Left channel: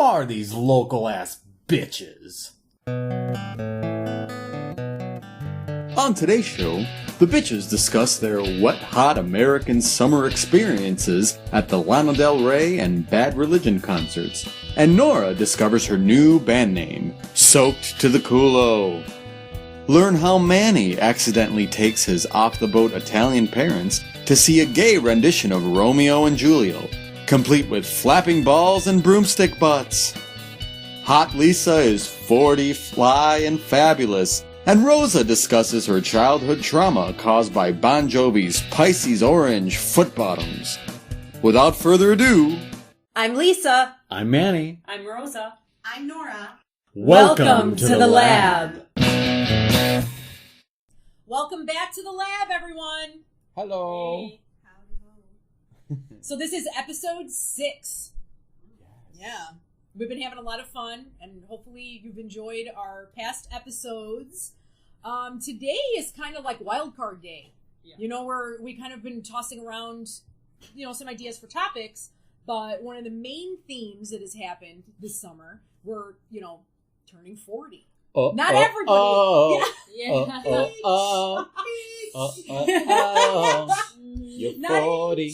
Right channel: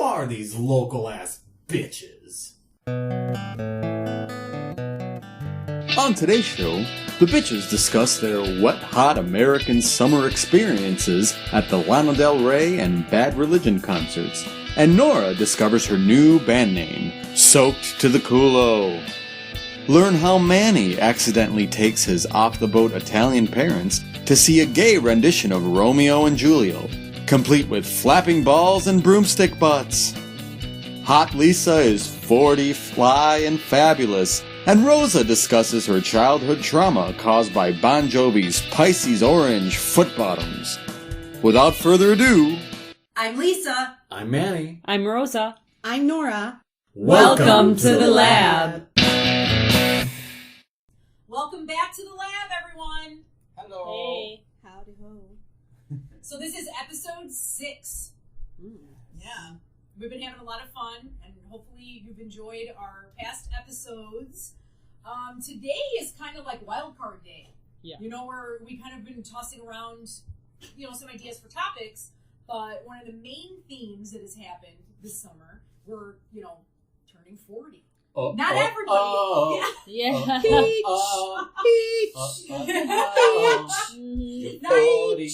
are these local-ass bitches? On today's show, the bitches discuss their wet-hot American summer experiences at the Lana Del Rey and Bad Religion concerts, and Nora discovers her new band name, Soaked to the Culo. Learn how Manny accidentally takes his off-the-boat Italian parents to see a gay rendition of Romeo and Julio, complete with flapping balls and broomstick butts. Hot Lisa is 40, fly, and fabulous, and Rosa discusses her childhood trauma caused by Bon Jovi's Pisces Orange foot bottoms. Without further ado, I'm Lisa. I'm Manny. I'm Rosa. I'm Nora. Welcome to the lab. Welcome back to the lab, everyone. Hello. Hey. Howdy ho. So this is episode 6. Yeah. We've been having a lot of fun, and hopefully you've enjoyed our past episodes. Today is kind of like wild card day. Yeah. You know, we kind of been tossing around, some ideas for topics, but one of the main themes that has happened this summer, we're, turning 40. Not everybody. Yeah. You're 40.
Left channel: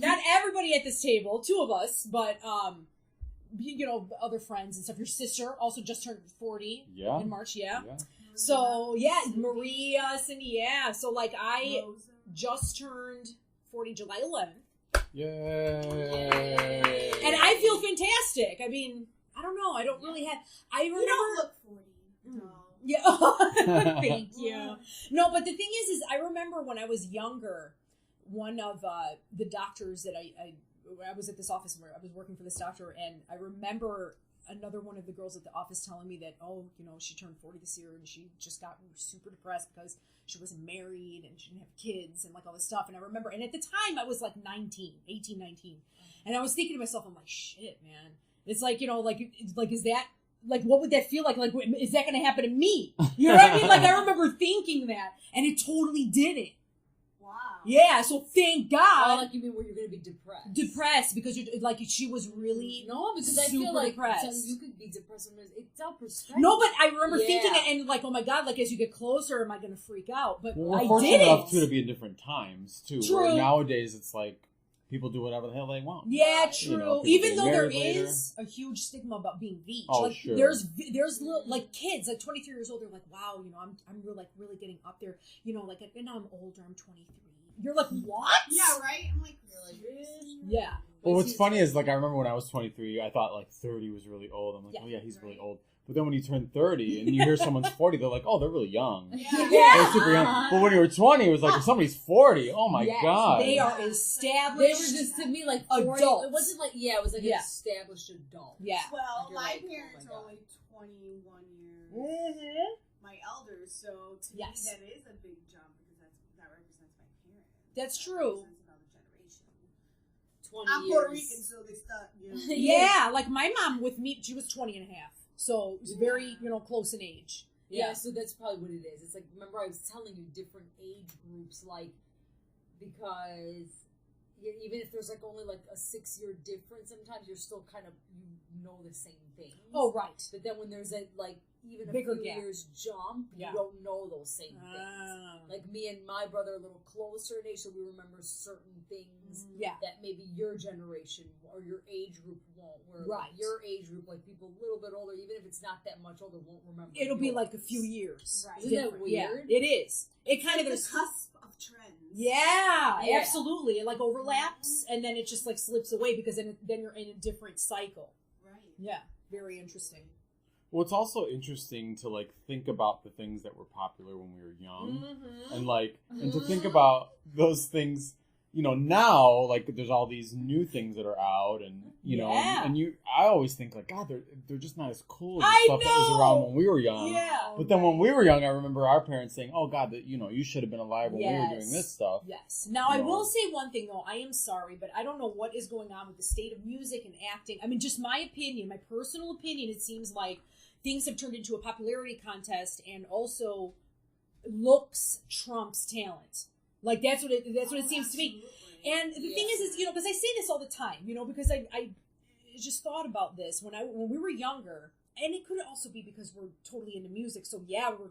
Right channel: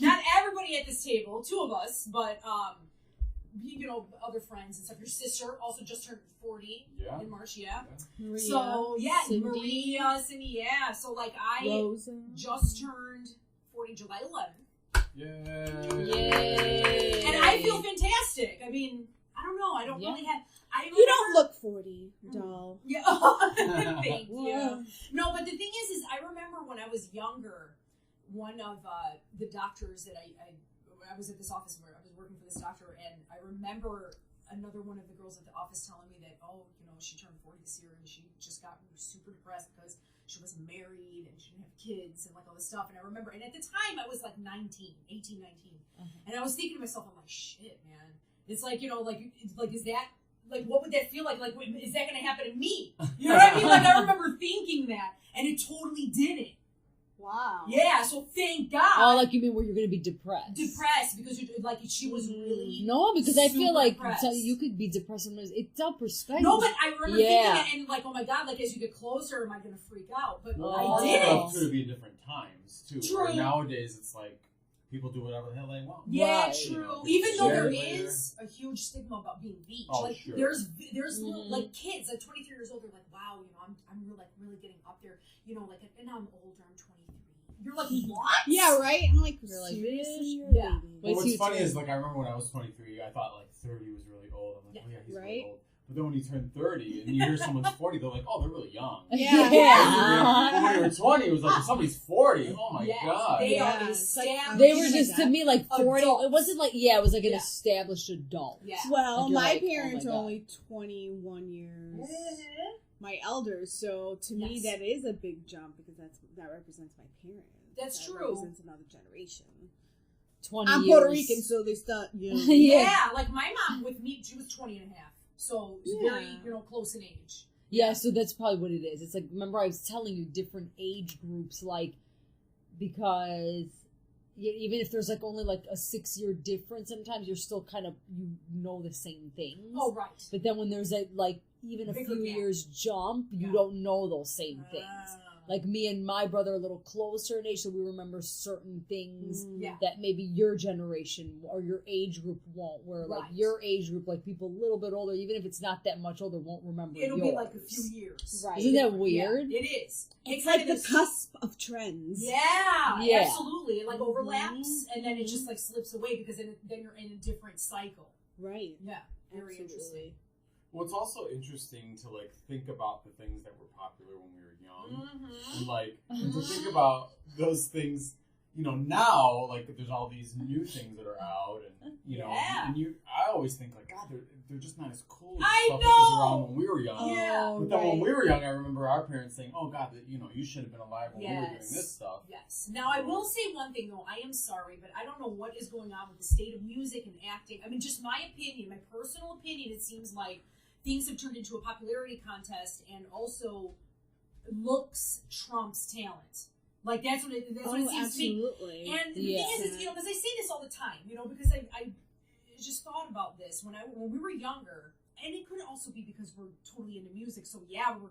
Not everybody at this table, 2 of us, but other friends and stuff. Your sister also just turned 40 in March, Maria, so, Cindy. Maria, Cindy, So, I Rosa. just turned 40 July 11th. Yay. And I feel fantastic. I mean, I don't know. I don't really have... You don't look 40, doll. Yeah. Thank you. No, but the thing is I remember when I was younger, one of the doctors that I was at this office where I was working for this doctor, and I remember another one of the girls at the office telling me that, she turned 40 this year, and she just got super depressed because she wasn't married and she didn't have kids and all this stuff. And I remember, and at the time I was 19. And I was thinking to myself, I'm like, shit, man. It's is that, what would that feel like? Is that going to happen to me? You know what I mean? I remember thinking that, and it totally didn't. Wow. Yeah, so thank God. Oh, you mean where you're going to be depressed? Depressed because she was really No, because I feel like depressed. You could be depressed sometimes. It's all perspective. No, but I remember thinking it and oh my God, as you get closer, am I going to freak out? But I didn't. Enough to be at different times too. True. Where nowadays it's people do whatever the hell they want. Yeah, Right. true. Even though there is a huge stigma about being beach. Oh, sure. There's little kids 23 years old. They're like, wow, I'm really getting up there. And now I'm older. I'm 23. You're like, what? Yeah, right? I'm like, You're like, seriously? Yeah. Well, what's funny is I remember when I was 23, I thought 30 was really old. I'm like, Yeah. oh yeah, he's really Right? old. But then when you turn 30 and you hear someone's 40, they're like, oh, they're really young. Yeah. They're super young. But when you were 20, it was like, if somebody's 40, oh my Yes, God. They are Yeah. established. They were just, to me, 40. Adults. It wasn't it was an Yeah. established adult. Yeah. Well, Like, you're my like, oh parents my are God. only 21 years. Mm-hmm. My elders, so to me Yes. that is a big jump because that represents my parents. That's That true. represents another generation. 20 I'm years. Puerto Rican, so they start, Yeah, my mom with me, she was 20 and a half. So it was very, close in age. Yeah, so that's probably what it is. It's remember I was telling you different age groups, because even if there's only a 6-year difference, sometimes you're still kind of, the same things. Oh, right. But then when there's even a Bigger few gap. years jump, Yeah. you don't know those same things. Ah. Me and my brother are a little closer in age, so we remember certain things Yeah. that maybe your generation or your age group won't. Where Right. your age group, people a little bit older, even if it's not that much older, won't remember. It'll be yours. a few years. Right. Isn't that weird? Yeah, it is. It's kind like of the cusp of trends. Yeah, Yeah. absolutely. It overlaps, and then it just slips away because then you're in a different cycle. Right. Yeah, very Absolutely. interesting. Well, it's also interesting to think about the things that were popular when we were young, Mm-hmm. and to think about those things. Now there's all these new things that are out, and I always think God, they're just not as cool as the I stuff that was know! around when we were young. Yeah. But then when we were young, I remember our parents saying, "Oh God, you should have been alive when we were doing this stuff." Yes. Now, I will say one thing, though. I am sorry, but I don't know what is going on with the state of music and acting. I mean, just my opinion, my personal opinion, it seems like things have turned into a popularity contest, and also looks trumps talent. That's what it seems to be. Absolutely. And the thing is, because I say this all the time, because I just thought about this when we were younger, and it could also be because we're totally into music. So yeah, we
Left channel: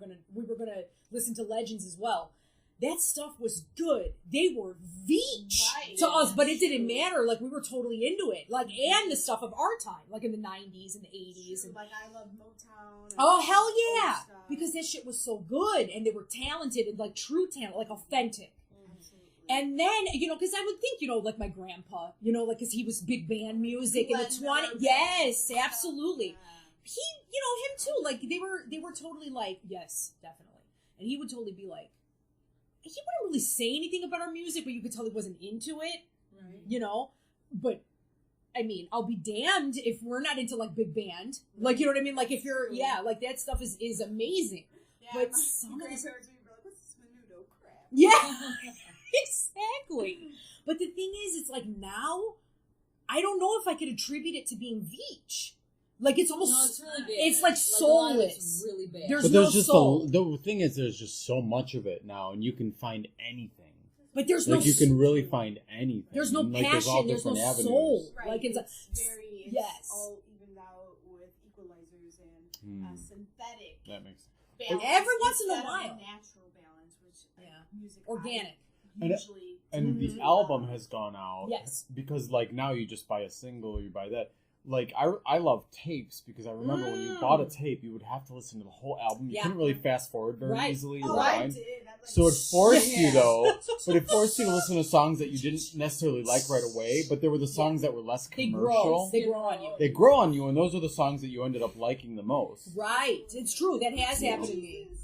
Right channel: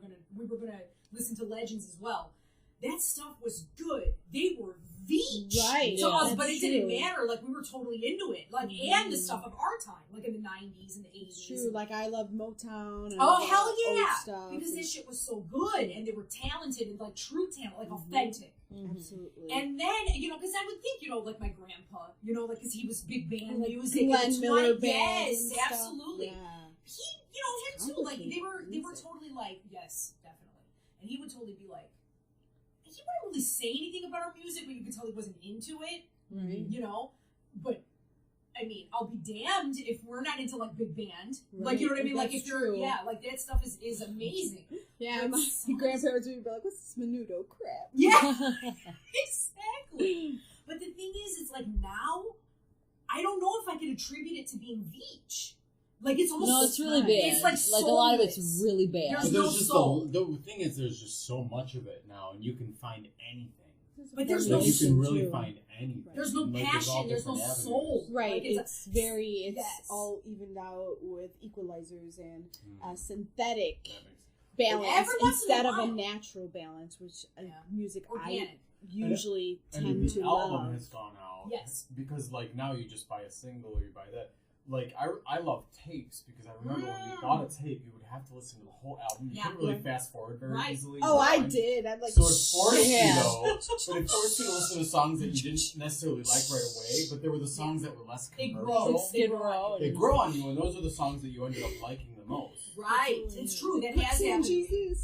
were gonna listen to legends as well. That stuff was good. They were Veach to us, but it didn't matter. Like, we were totally into it. Like, and the stuff of our time, like in the 90s and the 80s. True. Like, I loved Motown. And oh, hell yeah. Stuff. Because that shit was so good, and they were talented, and like true talent, like authentic. Absolutely. And then, because I would think, like my grandpa, like, because he was big band music in Glenn the Miller 20s. Yes, absolutely. Yeah. He, him too. Like, they were totally like, yes, definitely. And he would totally be like, he wouldn't really say anything about our music, but you could tell he wasn't into it, But, I mean, I'll be damned if we're not into, like, big band. Like, you know what I mean? Like, if you're, like, that stuff is amazing. Yeah, but my grandparents would be like, what's this menudo crap? Yeah, exactly. But the thing is, it's like now, I don't know if I could attribute it to being Veach. Like, it's almost... No, it's really bad. It's like a lot of it's really bad. But there's just the thing is, there's just so much of it now, and you can find anything. But there's like, no... you can really find anything. There's no like, passion, there's no soul. Right, like, it's all evened out with equalizers and synthetic that makes balance every once in a instead of while. a natural balance, which music organic. Usually and the album has gone out. Yes. Because, like, now you just buy a single or you buy that. Like, I love tapes because I remember when you bought a tape, you would have to listen to the whole album. You couldn't really fast forward very easily. Oh, I did. I'd like, so it forced you, though. But it forced you to listen to songs that you didn't necessarily like right away. But there were the songs that were less commercial. They grow on you. They grow on you, and those are the songs that you ended up liking the most. Right. It's true. That has happened to me.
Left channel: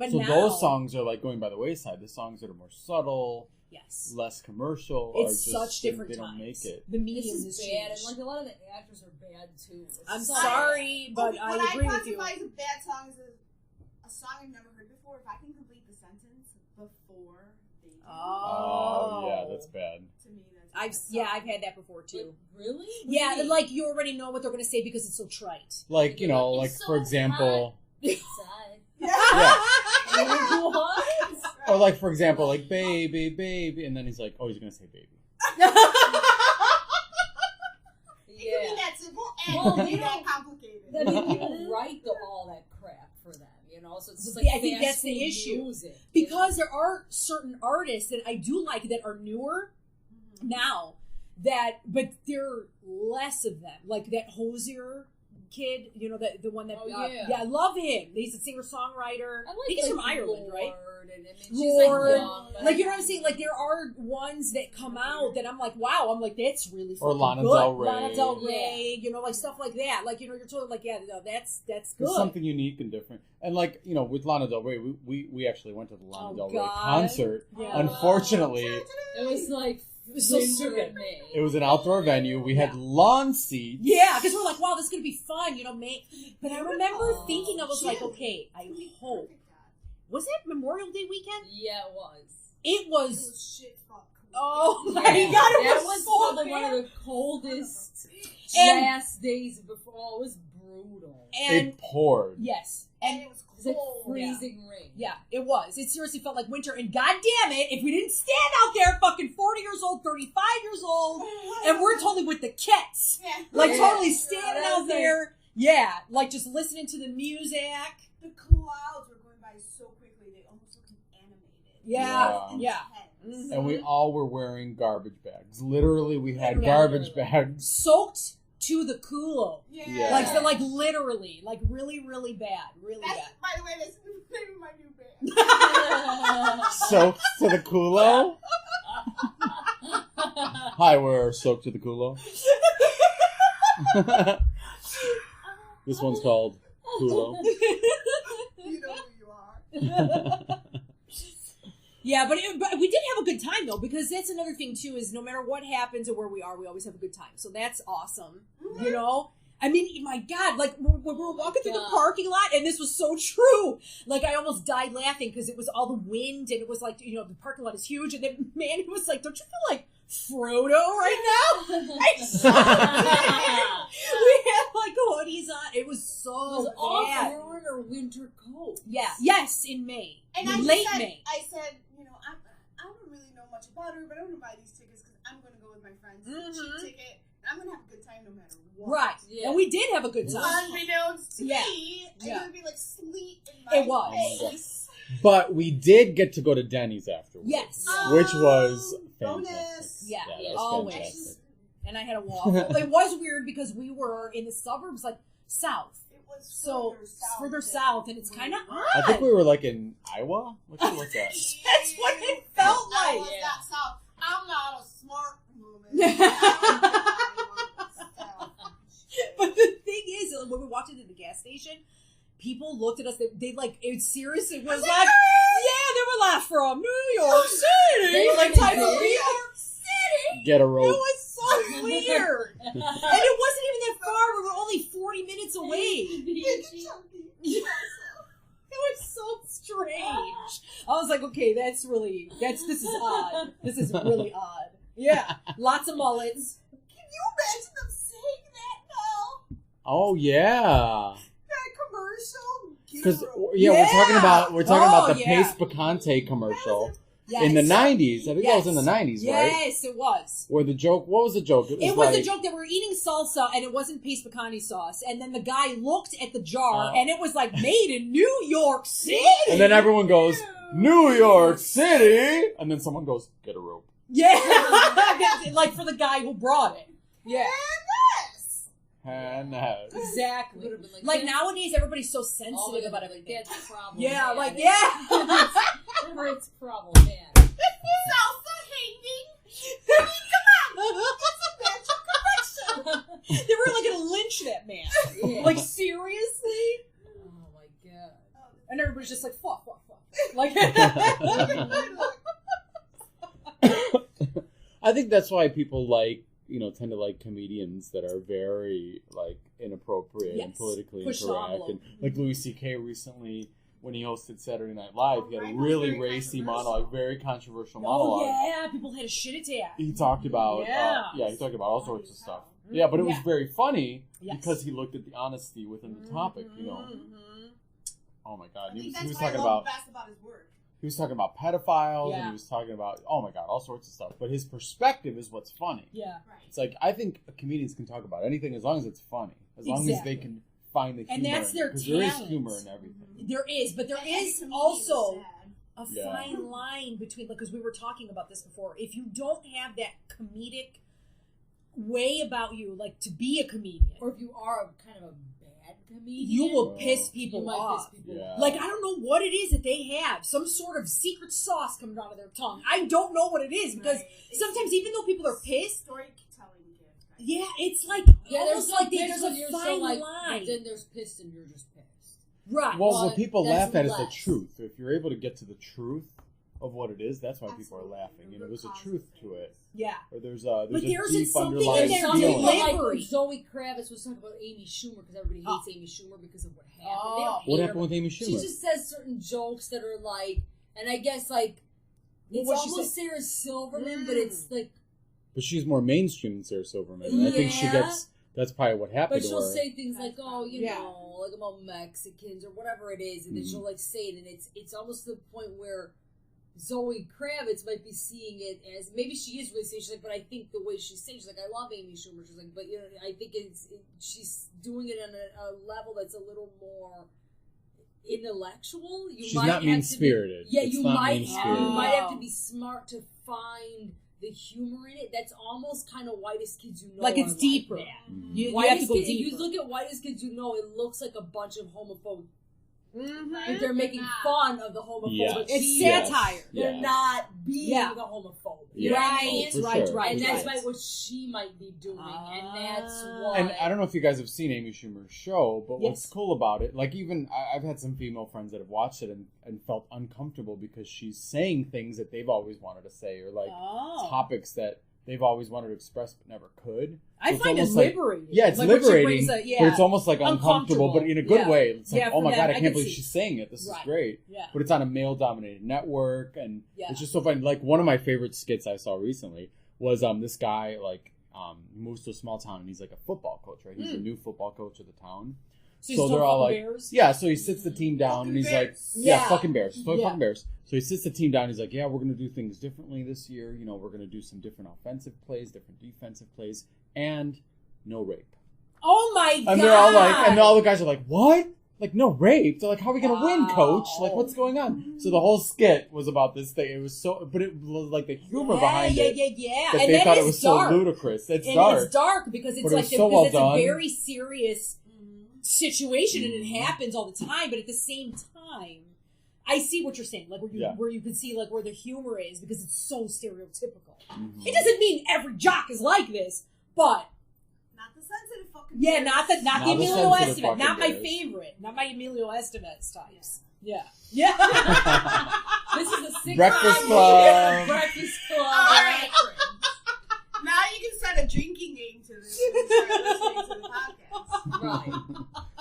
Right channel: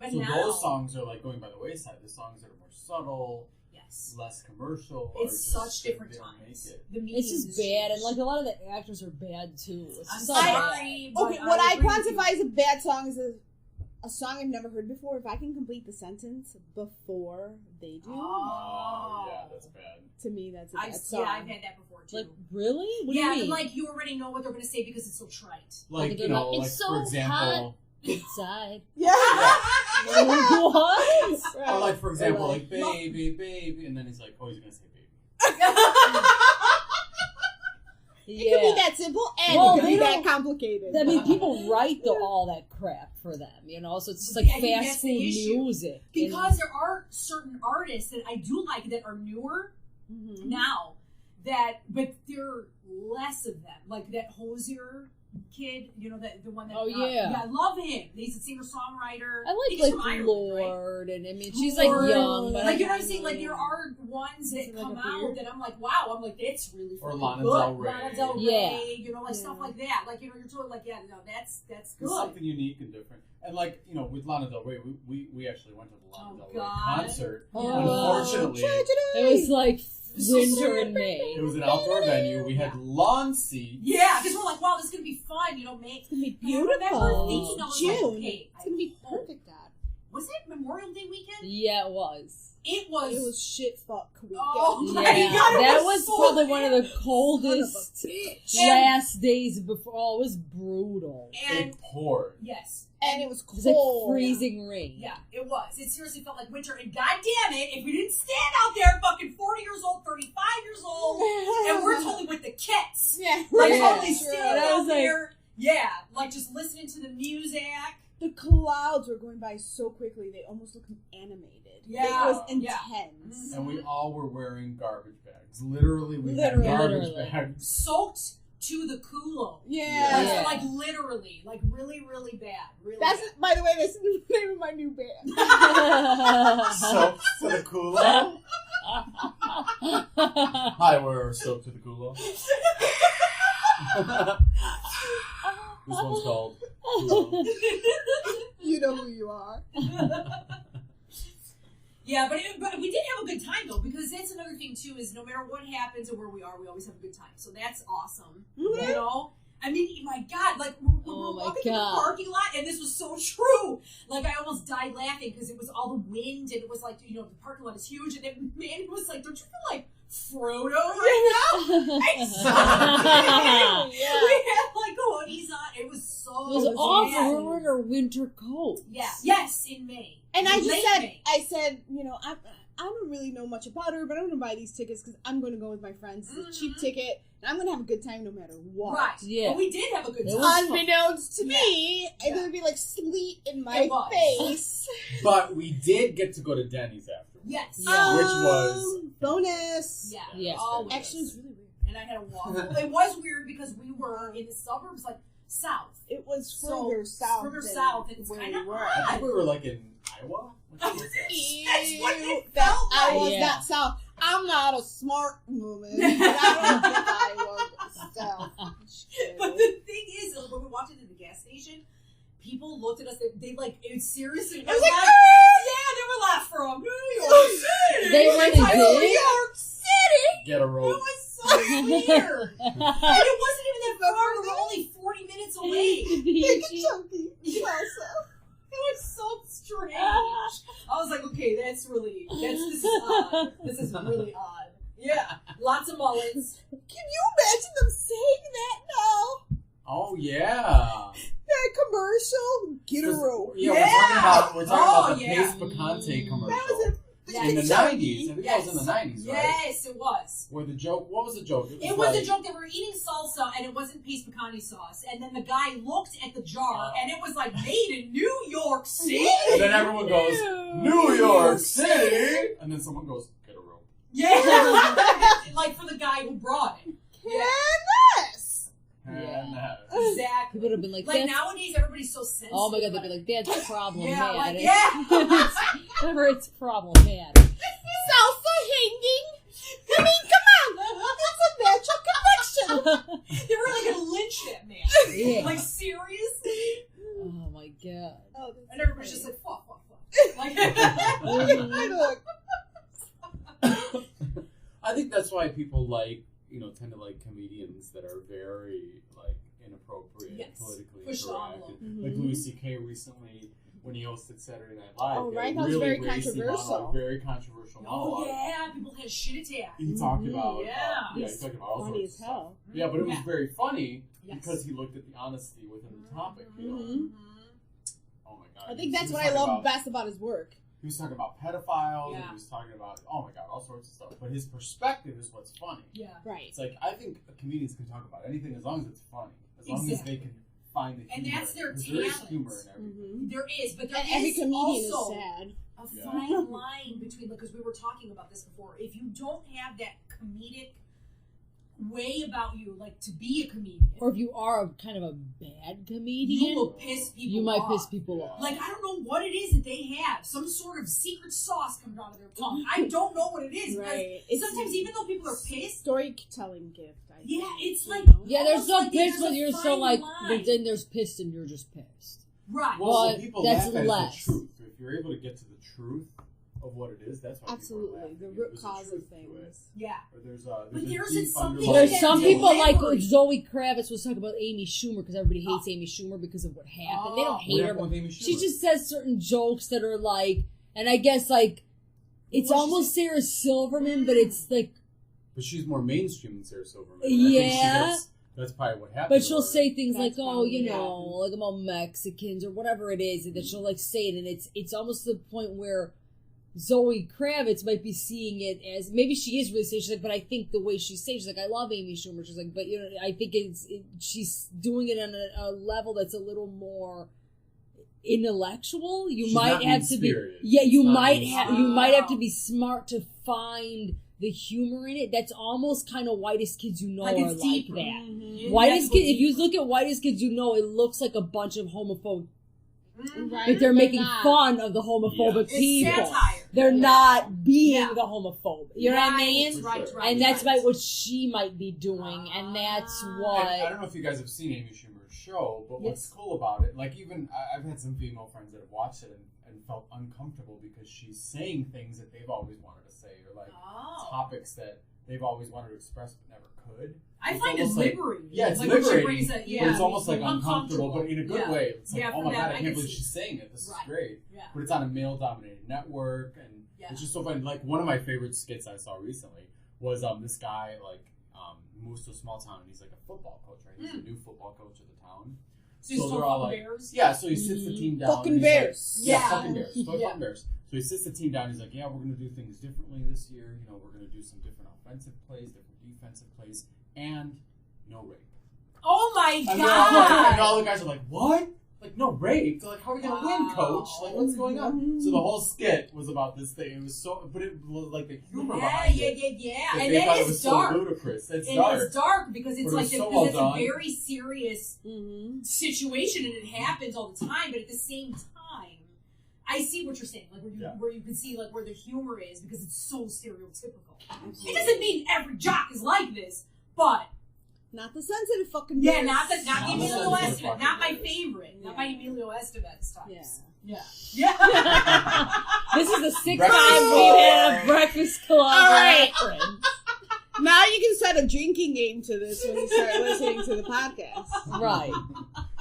But so now, those songs are, like, going by the wayside. The songs that are more subtle. Yes. Less commercial. It's or just, such different they times. Don't make it. This is bad, and like a lot of the actors are bad too. I'm sorry, but okay, what I classify as a bad song is a song I've never heard before. If I can complete the sentence before they do, yeah, that's bad. To me, that's a bad song. Yeah, I've had that before too. Like, really? Yeah, like you already know what they're gonna say because it's so trite. Like, like so for example. Inside. Yeah. What? Or like, for example, like, baby, baby, and then he's like, oh, he's going to say baby. It can be that simple and it can be that complicated. I mean, people write all that crap for them, so it's just like fast food music. Because there are certain artists that I do like that are newer now, but there are less of them. Like that Hosier kid, the one that I love him. He's a singer-songwriter. I he's like from Ireland, Lord, right? and I mean she's like young, but like, you know what I'm saying? Like, there are ones that come out that I'm like, wow, I'm like, that's really or Lana good. Del Rey. Lana Del Rey, like stuff like that. Like, you're totally like, yeah, no, that's good. It's something unique and different. And like, with Lana Del Rey, we actually went to the Lana Del Rey concert. Oh. Unfortunately, it was like winter in May. It was an outdoor venue. We had lawn seats. Yeah, because we're like, wow, this is gonna be fun, But I remember thinking, I was like, okay, I hope. Was it Memorial Day weekend? Yeah, it was. It was shit fuck weekend. Oh my God, that was so probably bad. one of the coldest last days before. Oh, it was brutal. And it poured. Yes. And it was cold. It was like freezing rain. Yeah, it was. It seriously felt like winter. And goddamn it, if we didn't stand out there fucking 40 years old, 35 years old, and we're totally with the kids. Yeah. Like, totally Sure. standing out there. Yeah, like just listening to the music. The clouds were going by so quickly, they almost looked animated. Yeah. It was intense. And we all were wearing garbage bags. Literally, we had garbage bags. Soaked to the culo. Yeah. Like literally. Like, really, really bad. Really That's, bad. by the way, that's the name of my new band. Soaked to the culo? Hi, we're Soaked to the culo. This one's called Culo. You know who you are. Yeah, but we did have a good time, though, because that's another thing, too, is no matter what happens or where we are, we always have a good time. So that's awesome. Mm-hmm. I mean, my God, like, when we were walking through the parking lot, and this was so true, like, I almost died laughing, because it was all the wind, and it was like, the parking lot is huge, and then Manny was like, don't you feel like Frodo right now? Yeah. We had, like, hoodies on. It was so It was awful. We were wearing our winter coat. Yeah. Yes, in May. And Late May. I said, I don't really know much about her, but I'm going to buy these tickets because I'm going to go with my friends. It's a cheap ticket, and I'm going to have a good time no matter what. Right. Yeah. And we did have a good time. Unbeknownst to me, it's going to be like sleet in my face. But we did get to go to Denny's afterwards. Yes. Which was bonus. Yeah. Yes. Always. Actually, it was really weird. And I had a waffle. It was weird because we were in the suburbs, like south. It was So, further south. further south, and it's where kind of we were. odd. I think we were like in Iowa. What was that? That's what it felt like. I was Yeah. not south. I'm not a smart woman. I don't think I was south. But the thing is, when we walked into the gas station, people looked at us. They like, it seriously was like, yeah, they were like, from New York City. They were really like, did? New York City. Get a It rope. was so weird. And it wasn't even that far. We were only 40 minutes away. Big and chunky. It was so strange. I was like, okay, this is odd. This is really odd. Yeah. Lots of mullets. Can you imagine them saying that now? Oh yeah. That commercial? Get a 'Cause, rope. yeah, we're talking about the yeah. Pace Picante commercial Yes. in the 90s. I think that was in the 90s, right? Yes, it was. Where the joke, what was the joke? It was a joke that we're eating salsa and it wasn't Pace Picante sauce. And then the guy looked at the jar and it was like made in New York City. And then everyone goes, New York City! And then someone goes, get a rope. Yeah. Like for the guy who brought it. Yeah. And Exactly. Would have been like Like that's- nowadays, everybody's so sensitive. Oh my god, about they're it. like, that's problematic. Yeah, like, yeah. Whatever, it's problematic. Salsa hanging? I mean, come on. That's a natural connection. They were like gonna lynch that man. Yeah. Like seriously? Oh my god. And everybody's just like, fuck. Like I think that's why people tend to like comedians that are very like inappropriate and Yes. politically Push the incorrect. envelope. And like Louis C.K. recently, when he hosted Saturday Night Live, Oh, he had right. a That was really very racy controversial. monologue, very controversial oh monologue. yeah, people had a shit attack. He talked about Yeah. he talked about all Funny sorts of as stuff. hell. Yeah, but it was Yeah. very funny Yes. because he looked at the honesty within the topic. You know, Mhm. oh my god, I he think was that's what I talking love about- best about his work. He was talking about pedophiles, and Yeah. he was talking about oh my god, all sorts of stuff. But his perspective is what's funny. Yeah. Right. It's like I think comedians can talk about anything as long as it's funny, as long as Exactly. they can find the humor. And that's in it, their 'cause there is talent. humor in everything. Mm-hmm. There is, but there And every is comedian also is sad. a Yeah. fine line between, because we were talking about this before. If you don't have that comedic way about you, like to be a comedian, Or if you are a kind of a bad comedian, you will piss people you might off. piss people Yeah. off. Like, I don't know what it is that they have. Some sort of secret sauce comes out of their tongue. I don't know what it is. Because Right. It's sometimes, even though people are pissed, storytelling gift. I think. yeah, it's like, Yeah, there's almost no like pissed there's when a you're so fine like, line. but then there's pissed and you're just pissed. Right. Well, But what people that's laugh at less. is the truth. If you're able to get to the truth of what it is, that's why Absolutely. people are laughing. The You know, root there's a cause truth of to it, things. Yeah. or there's a But there isn't deep something underlying There's some feeling. people like Delivery. Zoe Kravitz was talking about Amy Schumer because everybody hates Amy Schumer because of what happened. They don't Oh. hate What her. happened with Amy Schumer? She just says certain jokes that are like, and I guess like, it's What'd she almost Sarah Silverman, but it's like, But she's more mainstream than Sarah Silverman. And I think she Yeah. gets. That's probably what happened. but to she'll her. say things That's like, oh, probably- you yeah. know, like about Mexicans or whatever it is, and then she'll like say it, and it's almost to the point where Zoe Kravitz might be seeing it as, maybe she is really saying, she's like, but I think the way she's saying, she's like, I love Amy Schumer. She's like, but you know, I think she's doing it on a level that's a little more intellectual. You She's might not have to be, mean-spirited. yeah, It's you not might mean-spirited. have to be smart to find the humor in it. That's almost kind of Whitest Kids You Know Like are it's deeper. like that. You have to Whitest go Kids, if you deeper. look at Whitest Kids You Know, it looks like a bunch of homophobic. Mhm. Right. Like they're making not. fun of the homophobic It's people. satire. They're Yeah. not being Yeah. the homophobe. You know what I mean? For Right, sure. right, And that's right. what she might be doing, and that's Ah. what. And I don't know if you guys have seen Amy Schumer's show, but what's Yes. cool about it, like even I've had some female friends that have watched it and felt uncomfortable because she's saying things that they've always wanted to say, or like Oh. topics that they've always wanted to express but never could. I It's find it almost like- liberating. Yeah, it's Like when she liberating, brings a- but yeah. it's almost like uncomfortable, but in a good Yeah. way. It's like, Yeah, oh my for god, that, I I can't can believe see. she's saying it. This Right. is great. Yeah. But it's on a male-dominated network, and Yeah. it's just so funny. Like one of my favorite skits I saw recently was this guy moves to a small town and he's like a football coach, right? He's the new football coach of the town. So they're all like, bears? yeah. So he sits the team down. Fucking and he's bears. like, yeah, Yeah. fucking bears. Yeah. Fucking bears. So he sits the team down. He's like, yeah, we're gonna do things differently this year. You know, we're gonna do some different offensive plays, different defensive plays, and no rape. Oh my god! And they're all like, and all the guys are like, what? Like, no rape? They're like, how are we gonna win, coach? Like, what's going on? So the whole skit was about this thing. It was so, but it was like the humor behind it. Yeah. That And they that thought is it was dark. so ludicrous. It's And dark. it's dark because it's But it like was so well it's done. a very serious situation and it happens all the time. But at the same time, I see what you're saying, like where you can see like where the humor is because it's so stereotypical. Mm-hmm. It doesn't mean every jock is like this, but Not the sensitive fucking yeah, bears. not the Not the Emilio sensitive Estevez, not my fucking bears. favorite, not my Emilio Estevez types. Yeah. Yeah. This is the sixth Breakfast time Club. we had a Breakfast Club. All right. reference. Now you can set a drinking game to this when you start listening to the podcast. Right.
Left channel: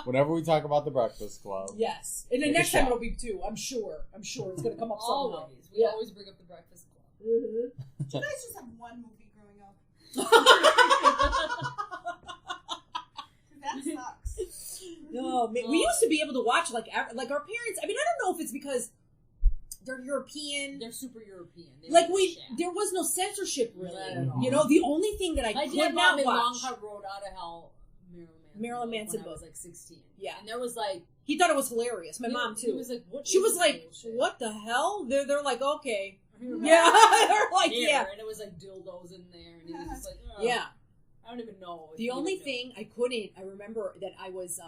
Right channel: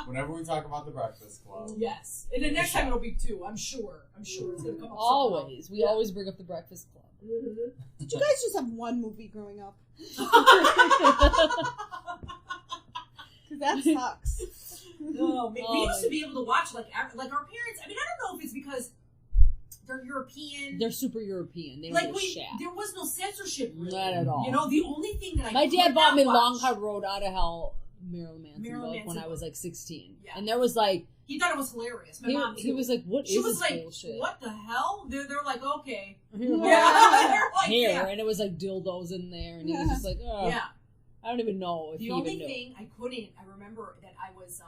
Whenever we talk about the Breakfast Club. Yes, and the Take a next time shot. it'll be two. I'm sure it's gonna come up. Always. We Yeah. always bring up the Breakfast Club. Somehow. Did you guys just have one movie growing up? Because that sucks. No, man, we used to be able to watch like our parents. I mean, I don't know if it's because they're European. They're super European. They like were shaft. there was no censorship really. Not at all. You know, the only thing that My could dad not bought me watch, Long Hard Road Out of Hell, Marilyn Manson Manson when I was book. like 16. Yeah. And there was like He thought it was hilarious. My mom too. he was like, "What?" She is was this like, bullshit? "What the hell?" They're like, "Okay." Yeah. Yeah, they're like, Here, "Yeah." and it was like dildos in there, and he was just like, oh, Yeah. I don't even know. If The he only even knew. thing I couldn't, I remember that I was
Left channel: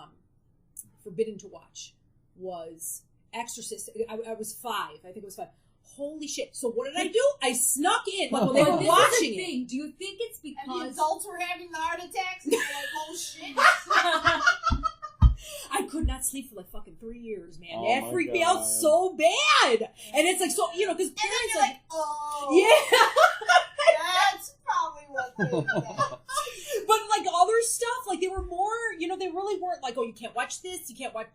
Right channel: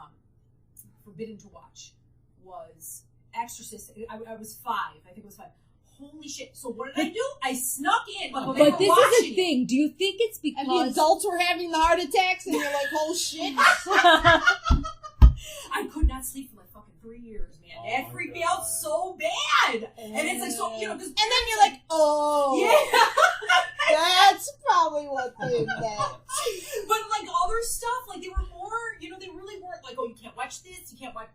forbidden to watch was Exorcist. I was 5. I think it was 5. Holy shit. So what did I do? I snuck in. Like, when they were But this watching is the it. thing. Do you think it's And the because adults were having the heart attacks, and you're like, "Oh shit!" I could not sleep for like fucking 3 years, man. Oh It my freaked me God. out so bad. And it's like, so, you know, because. And then you're like, "Oh, yeah. that's probably what did that." But like other stuff, like they were more, you know, they really weren't like, oh, you can't watch this, you can't play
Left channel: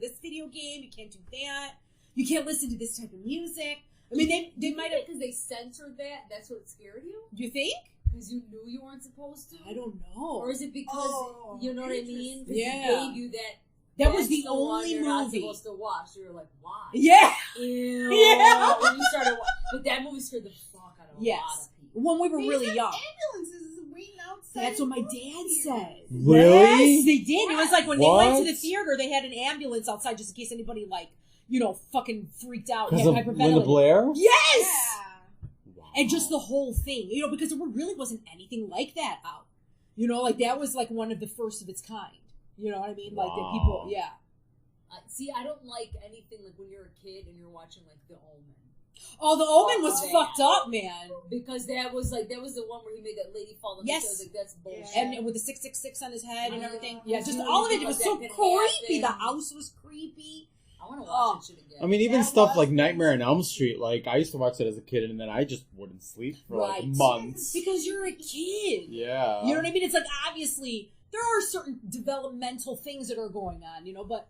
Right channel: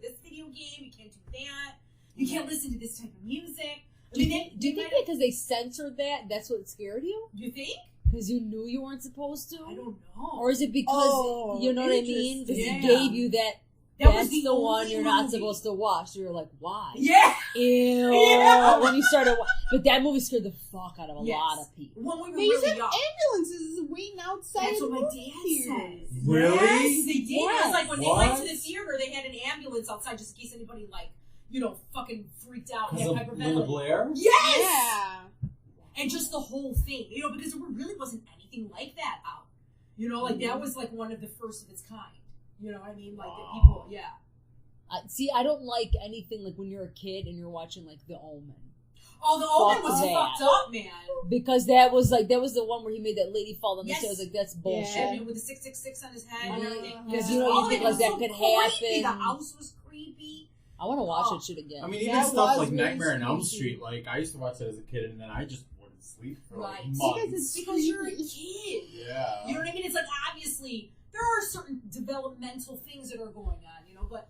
this video game, you can't do that, you can't listen to this type of music. I mean, do you think because they censored that, that's what scared you? Do you think? Because you knew you weren't supposed to? I don't know. Or is it because, you know what I mean? Because interesting. he gave you that, that was that's the one only you're not movie. supposed to watch. So you're like, why? Yeah. Ew. Yeah. When you started but that movie scared the fuck out of a Yes. lot of people. When we were They really said young. ambulances waiting outside. That's what my movie dad theaters. said. Really? Yes, they did. It was like when they What? went to the theater, they had an ambulance outside just in case anybody, like, you know, fucking freaked out. Because and of had Linda hyperventilating. Blair? Yes! Yeah. And just the whole thing, you know, because there really wasn't anything like that out. You know, like that was like one of the first of its kind. You know what I mean? Like that people, yeah. See, I don't like anything like when you're a kid and you're watching like The Omen. Oh, the Omen Fuck was that. fucked up, man. Because that was the one where he made that lady fall on Yes. the stairs. Like, that's bullshit. Yeah. And with the 666 on his head and Mhm. everything. Yeah, Just you know, all you of it. think It was like so that could creepy. The happen. house was creepy. I want to watch that shit again. I mean, even That stuff was like really Nightmare on Elm spooky. Street, like, I used to watch that as a kid, and then I just wouldn't sleep for, like, Right. months. Because you're a kid. Yeah. You know what I mean? It's like, obviously, there are certain developmental things that are going on, you know, but